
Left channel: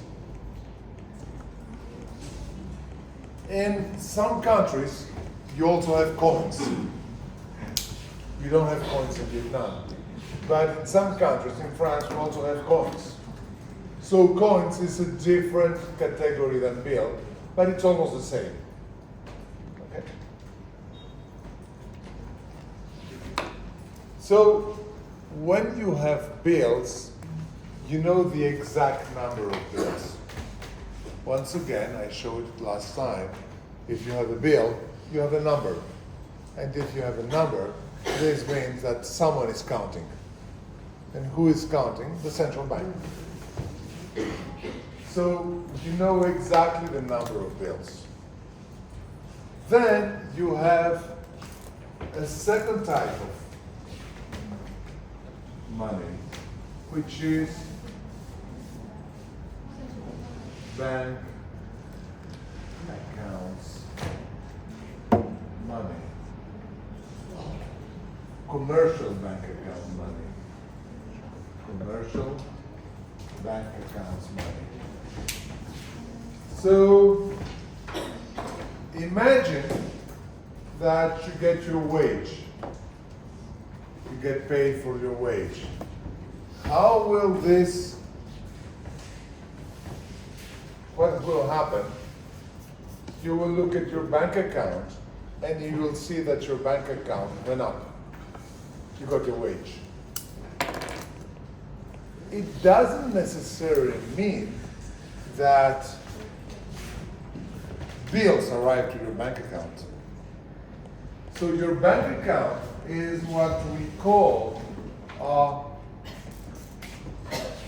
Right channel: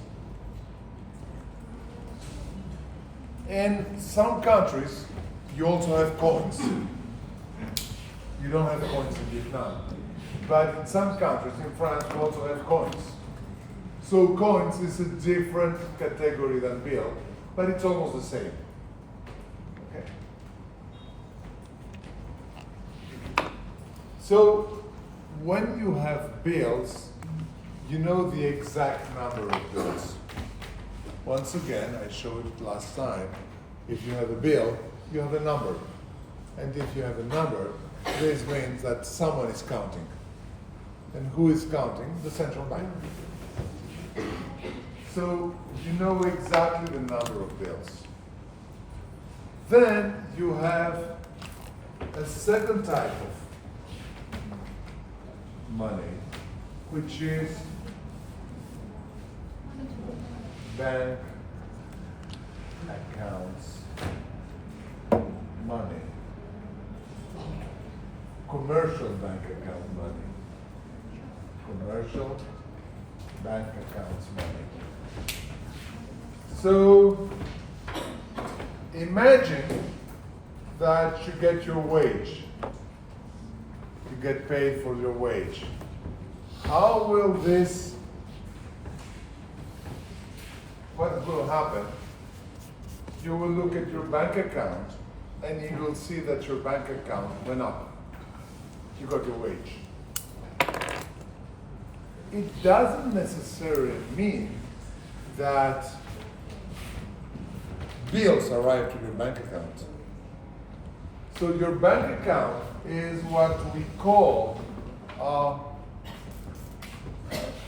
In some countries, you also have coins. You don't have coins in Vietnam. But in some countries, in France, we also have coins. So coins is a different category than bill, but it's almost the same. Okay. So when you have bills, you know the exact number of bills. Once again, I showed it last time. If you have a bill, you have a number. And if you have a number, this means that someone is counting. And who is counting? The central bank. So you know exactly the number of bills. Then you have a second type of money, which is bank accounts money, commercial bank account money, commercial bank accounts money. So imagine that you get your wage. You get paid for your wage. How will this, what will happen? You will look at your bank account and you will see that your bank account went up. You got your wage. It doesn't necessarily mean that bills arrive to your bank account. So your bank account is what we call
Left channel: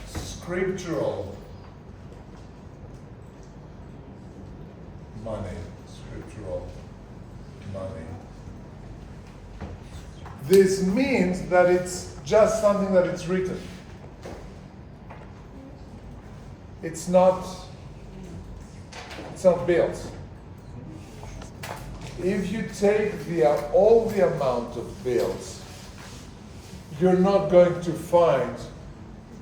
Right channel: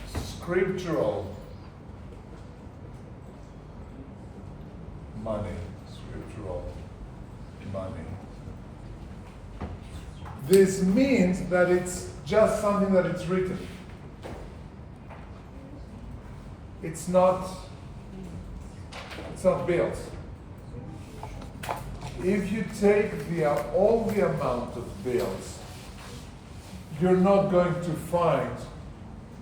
scriptural money. Scriptural money. This means that it's just something that it's written. It's not bills. If you take all the amount of bills, you're not going to find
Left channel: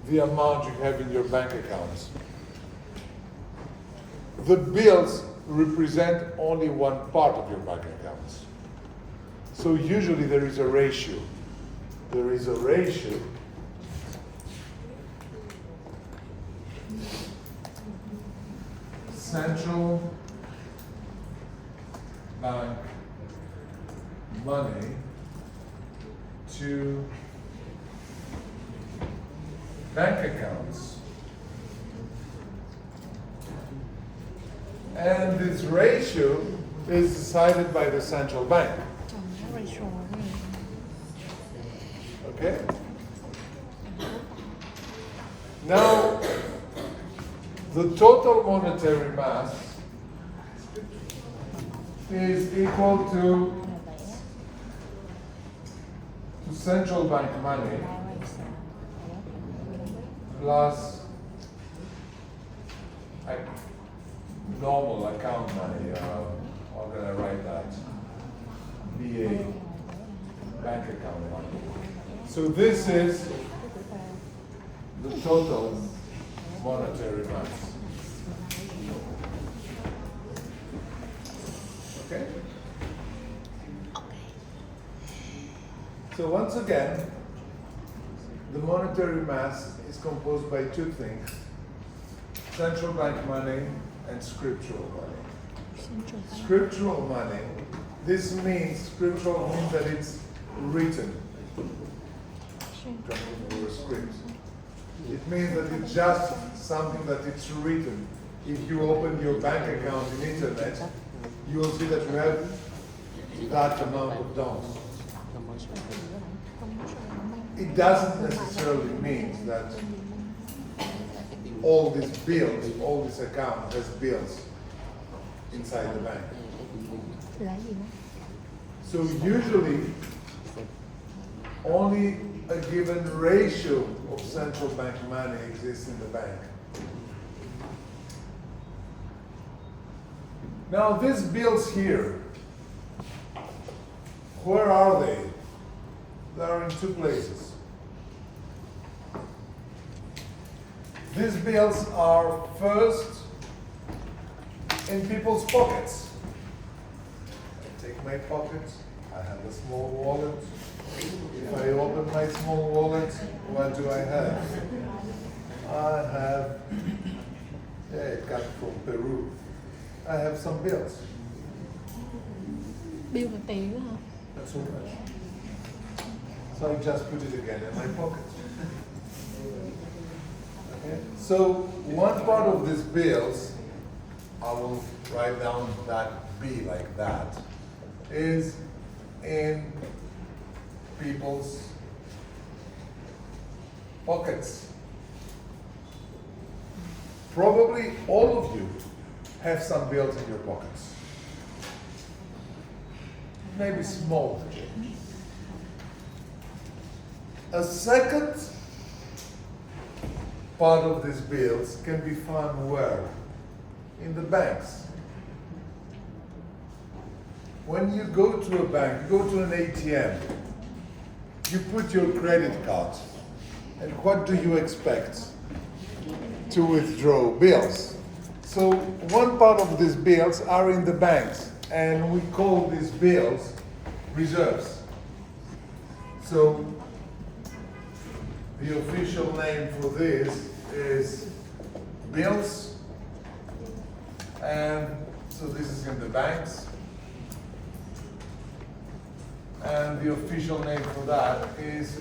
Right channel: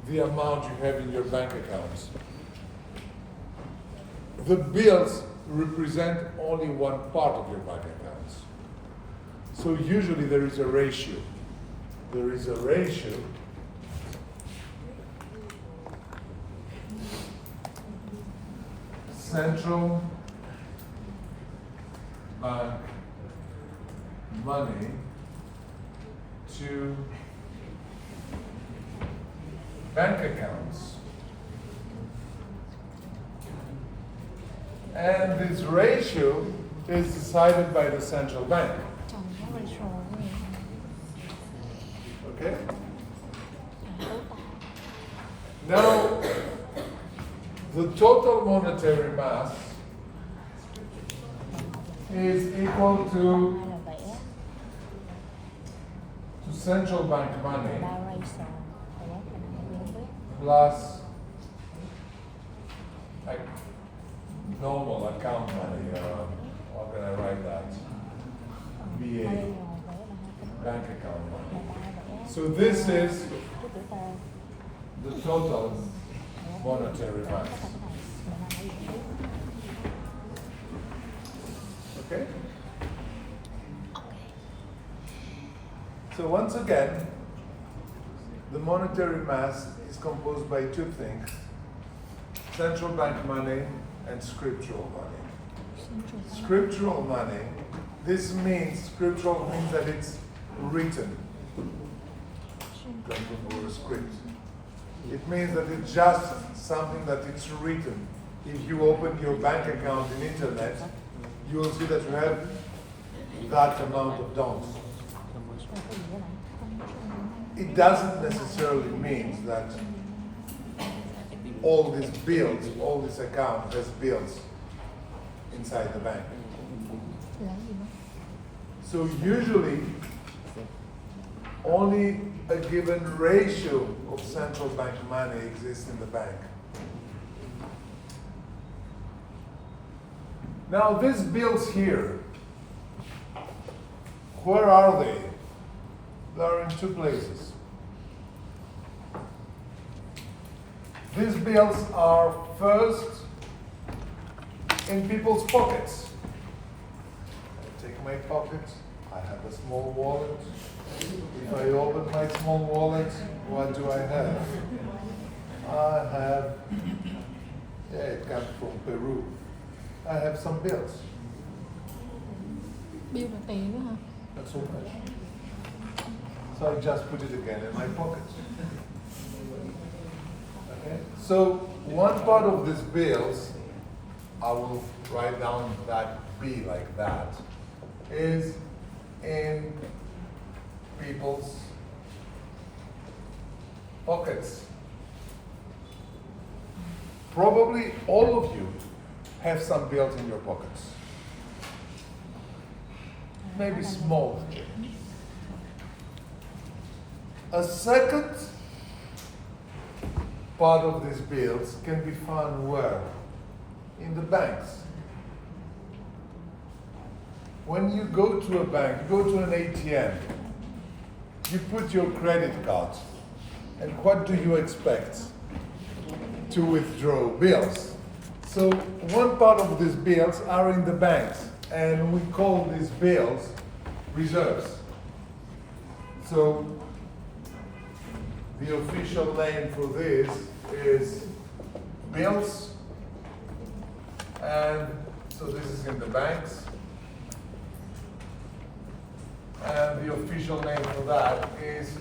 the amount you have in your bank accounts. The bills represent only one part of your bank accounts. So usually there is a ratio. There is a ratio central bank money to bank accounts. And this ratio is decided by the central bank. Okay? Now, the total monetary mass is equal to central bank money plus normal account money. How can I write that? BA, bank account money. So this is the total monetary mass. Okay? So once again, the monetary mass is composed by two things: central bank money and scriptural money. Scriptural money, this means, scriptural means that it's written. Or a script. It means that it's just something that it's written. If you open your bank account in internet, you will see that you have that amount of dollars. It doesn't necessarily mean that all these bills, all this account has bills inside the bank. So usually, only a given ratio of central bank money exists in the bank. Now these bills here, where are they? They are in two places. These bills are first in people's pockets. I take my pockets, I have a small wallet. If I open my small wallet, what do I have? I have, it comes from Peru. I have some bills. Bill là tiền đó hả? Not so much. So I just put it again in my pocket. Okay? So one part of these bills, I will write down that B like that, is in people's pockets. probably all of you have some bills in your pockets. Maybe small. A second part of these bills can be found where? In the banks. When you go to a bank, you go to an ATM, you put your credit card, and what do you expect? To withdraw bills. So one part of these bills are in the banks, and we call these bills reserves. So the official name for this is bills, and so this is in the banks. And the official name for that is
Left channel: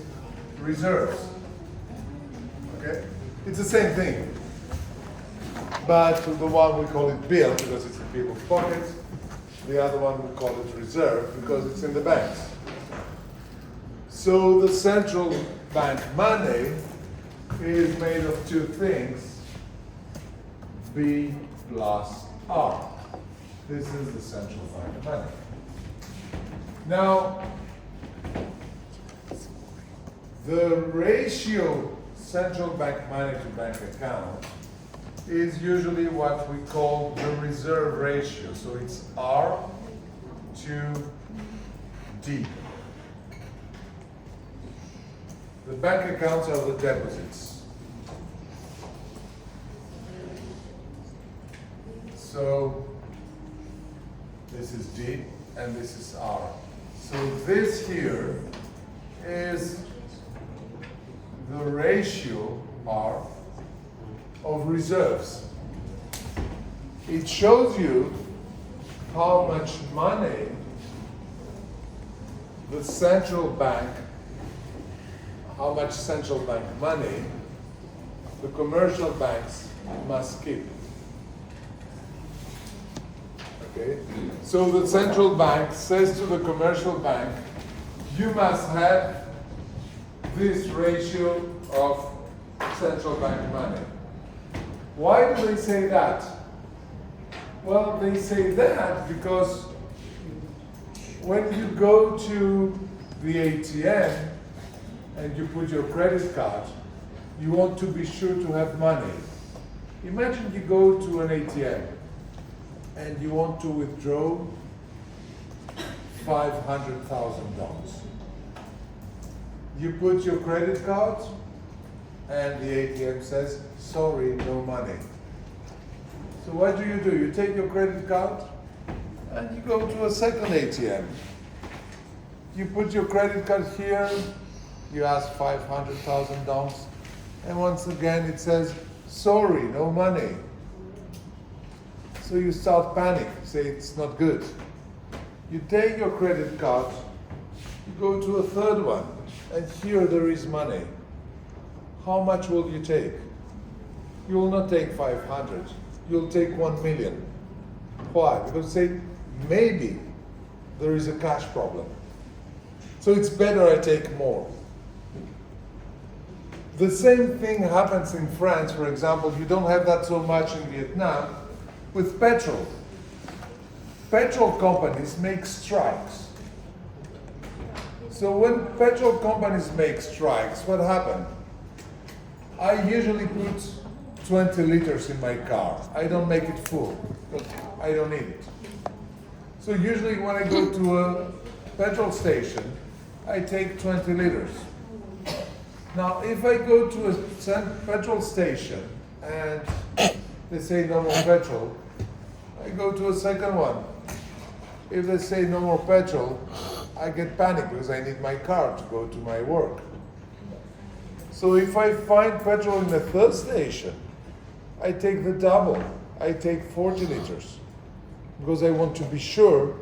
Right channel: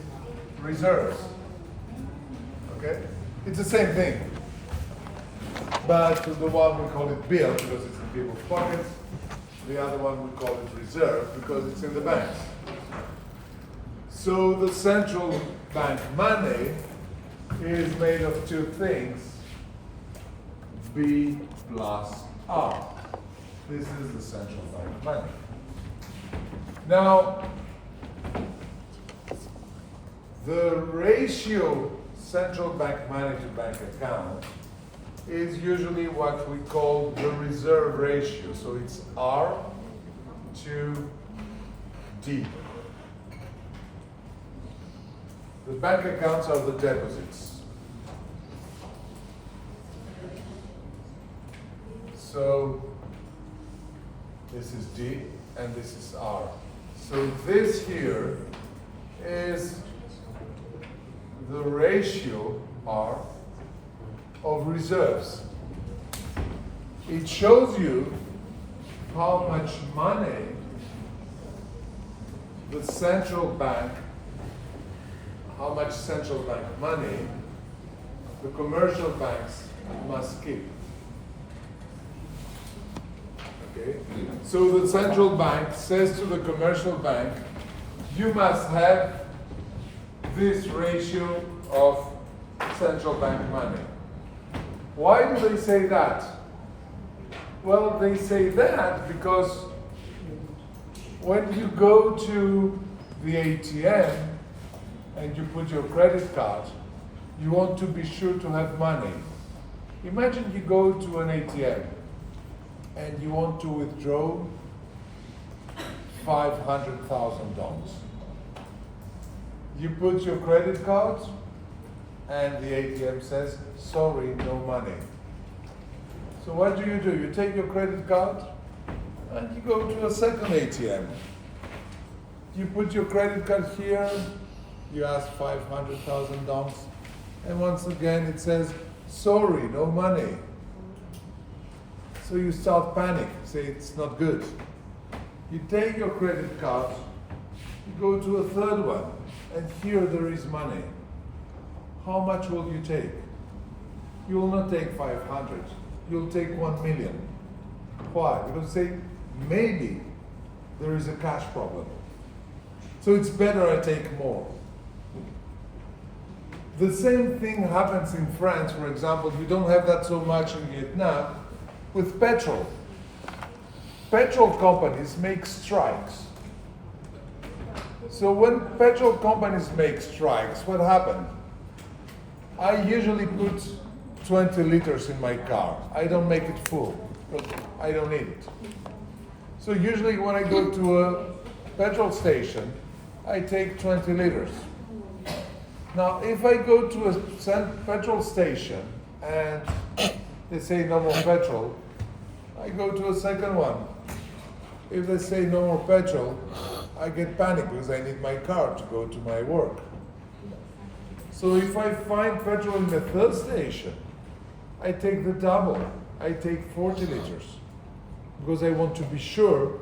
reserves. Okay? It's the same thing. But for the one we call it bill because it's in people's pockets. The other one we call it reserve because it's in the banks. So the central bank money is made of two things, B plus R. This is the central bank money. Now, the ratio central bank money to bank account is usually what we call the reserve ratio. So it's R to D. The bank accounts are the deposits. So this is D and this is R. So this here is the ratio R of reserves. It shows you how much money the central bank, how much central bank money the commercial banks must keep. Okay? So the central bank says to the commercial bank, you must have this ratio of central bank money. Why do they say that? Well, they say that because when you go to the ATM and you put your credit card, you want to be sure to have money. Imagine you go to an ATM and you want to withdraw $500,000. You put your credit card and the ATM says, sorry, no money. So what do? You take your credit card and you go to a second ATM. You put your credit card here, you ask $500,000, and once again it says, sorry, no money. So you start panic, say it's not good. You take your credit card, you go to a third one, and here there is money. How much will you take? You will not take 500, you'll take 1 million. Why? Because say, maybe there is a cash problem. So it's better I take more. The same thing happens in France, for example. You don't have that so much in Vietnam with petrol. Petrol companies make strikes. So when petrol companies make strikes, what happens? I usually put 20 liters in my car. I don't make it full, but I don't need it. So usually when I go to a petrol station, I take 20 liters. Now, if I go to a petrol station and they say no more petrol, I go to a second one. If they say no more petrol, I get panic because I need my car to go to my work. So if I find petrol in the third station, I take the double. I take 40 liters because I want to be sure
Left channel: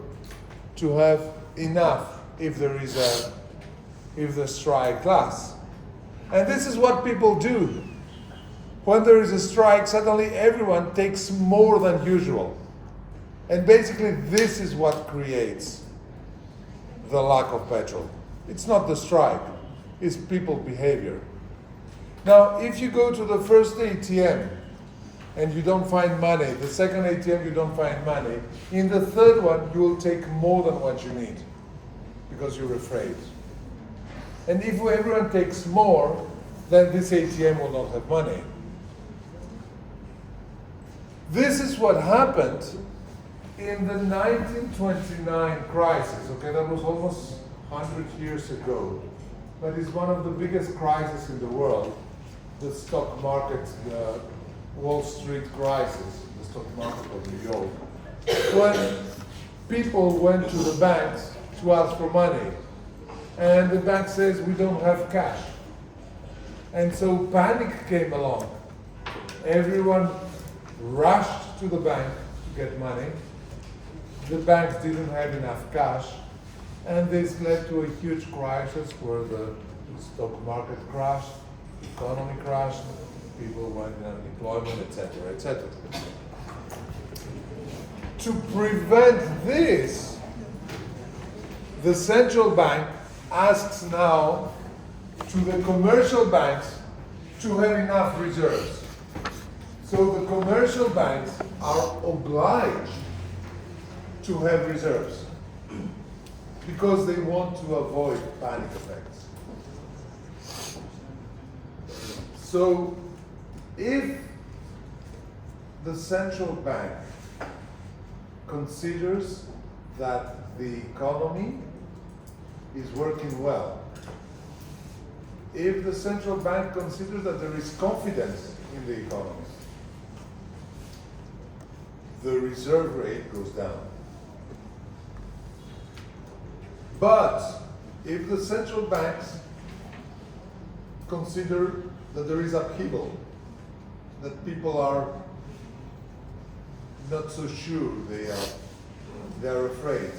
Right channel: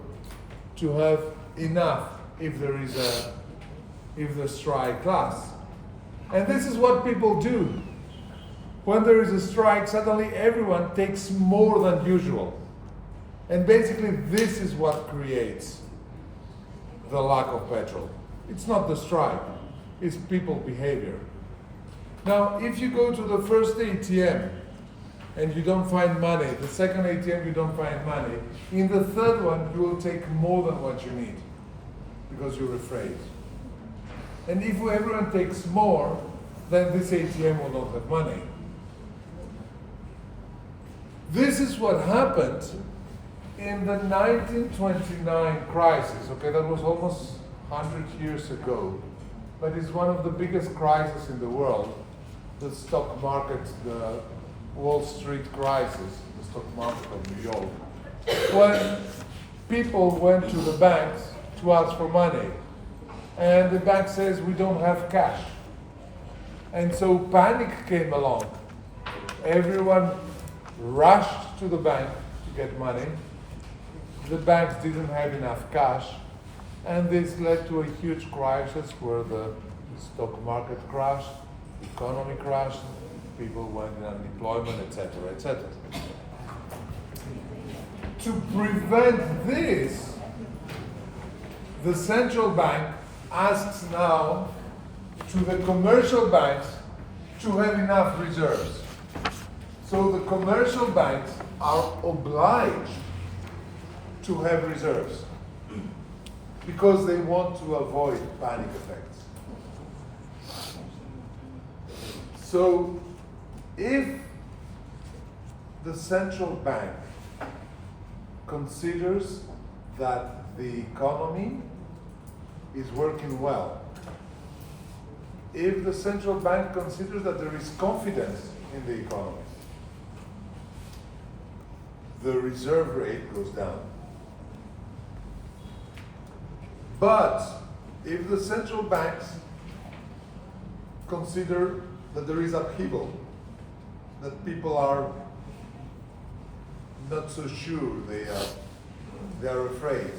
to have enough if the strike lasts. And this is what people do. When there is a strike, suddenly everyone takes more than usual. And basically this is what creates the lack of petrol. It's not the strike, it's people behavior. Now, if you go to the first ATM and you don't find money. The second ATM, you don't find money. In the third one, you will take more than what you need because you're afraid. And if everyone takes more, then this ATM will not have money. This is what happened in the 1929 crisis. Okay, that was almost 100 years ago, but it's one of the biggest crises in the world. The stock market, the Wall Street crisis, the stock market of New York, when people went to the banks to ask for money, and the bank says, we don't have cash. And so panic came along. Everyone rushed to the bank to get money. The banks didn't have enough cash, and this led to a huge crisis where the stock market crashed, the economy crashed, people went in unemployment, etc., etc. To prevent this, the central bank asks now to the commercial banks to have enough reserves. So the commercial banks are obliged to have reserves because they want to avoid panic effects. So if the central bank considers that the economy is working well, if the central bank considers that there is confidence in the economy, the reserve rate goes down. But if the central banks consider that there is upheaval, that people are not so sure, they are afraid,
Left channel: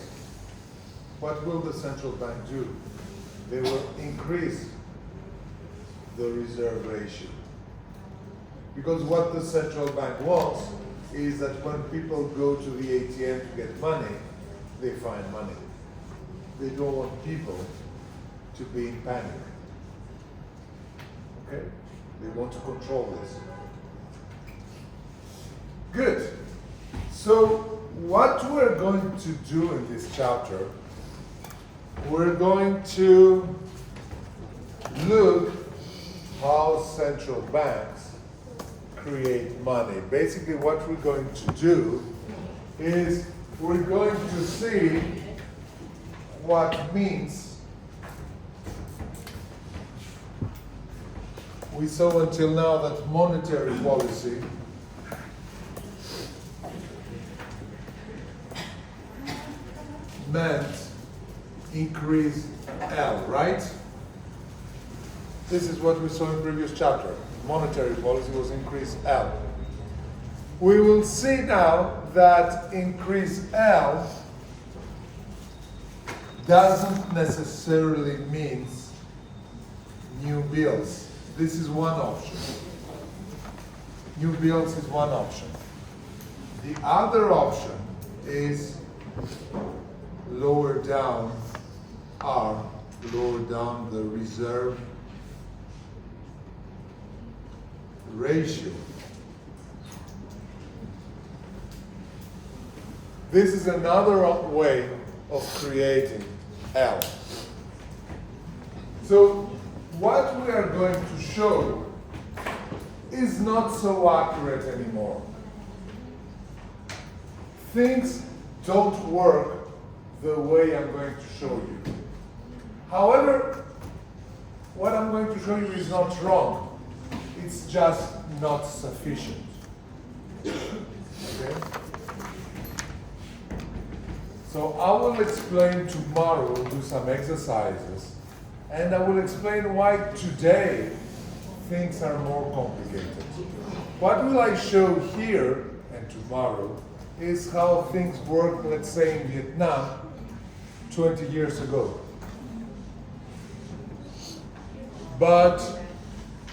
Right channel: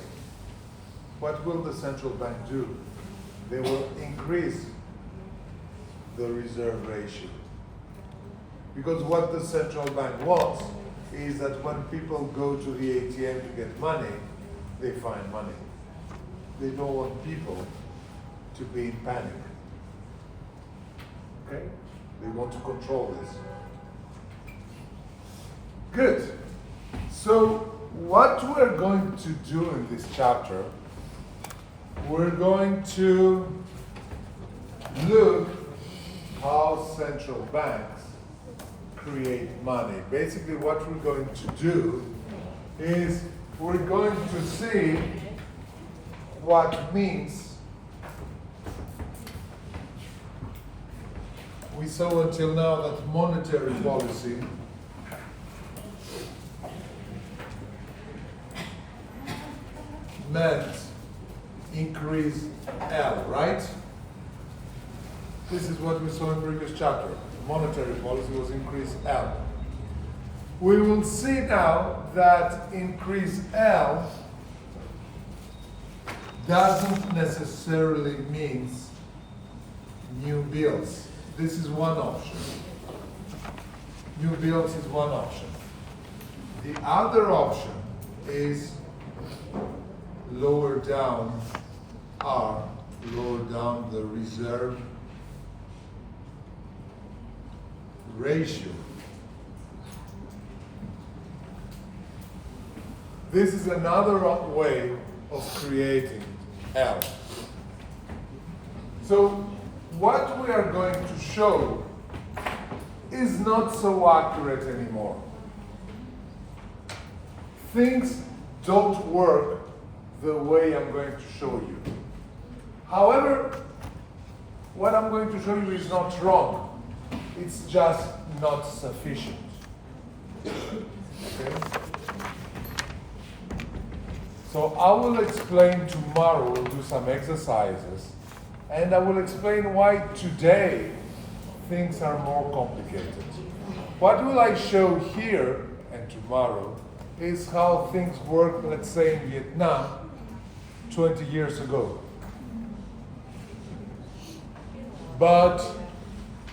what will the central bank do? They will increase the reserve ratio. Because what the central bank wants is that when people go to the ATM to get money, they find money. They don't want people to be in panic. Okay? They want to control this. Good. So what we're going to do in this chapter, we're going to look how central banks create money. Basically what we're going to do is we're going to see what means we saw until now that monetary policy meant increase L, right? This is what we saw in previous chapter. Monetary policy was increase L. We will see now that increase L doesn't necessarily mean new bills. This is one option. New bills is one option. The other option is lower down R, lower down the reserve ratio. This is another way of creating L. So what we are going to show is not so accurate anymore. Things don't work the way I'm going to show you. However, what I'm going to show you is not wrong. It's just not sufficient. Okay? So I will explain tomorrow, we'll do some exercises, and I will explain why today things are more complicated. What will I show here and tomorrow is how things worked, let's say, in Vietnam 20 years ago. But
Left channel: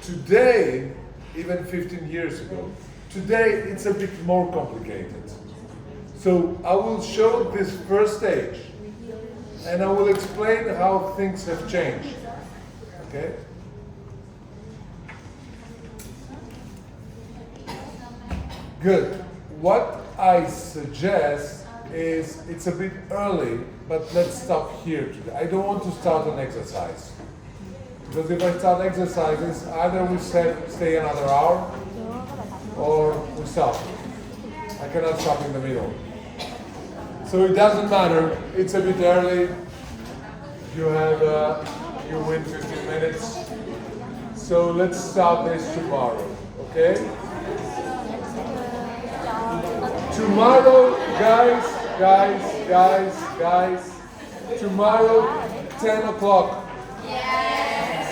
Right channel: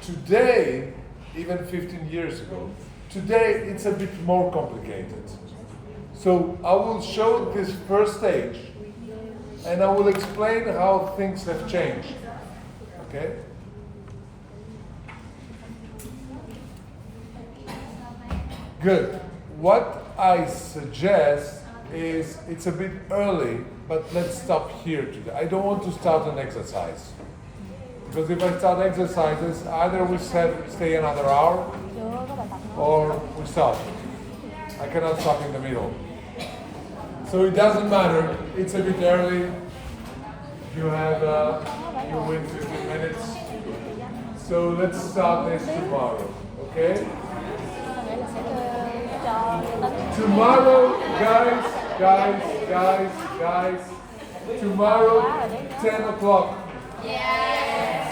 today, even 15 years ago, today it's a bit more complicated. So I will show this first stage, and I will explain how things have changed. Okay? Good. What I suggest is it's a bit early, but let's stop here today. I don't want to start an exercise. Because if I start exercises, either we stay another hour or we stop. I cannot stop in the middle. So it doesn't matter. It's a bit early. You win 15 minutes. So let's start this tomorrow, okay? Tomorrow, guys, tomorrow, 10 o'clock. Yes!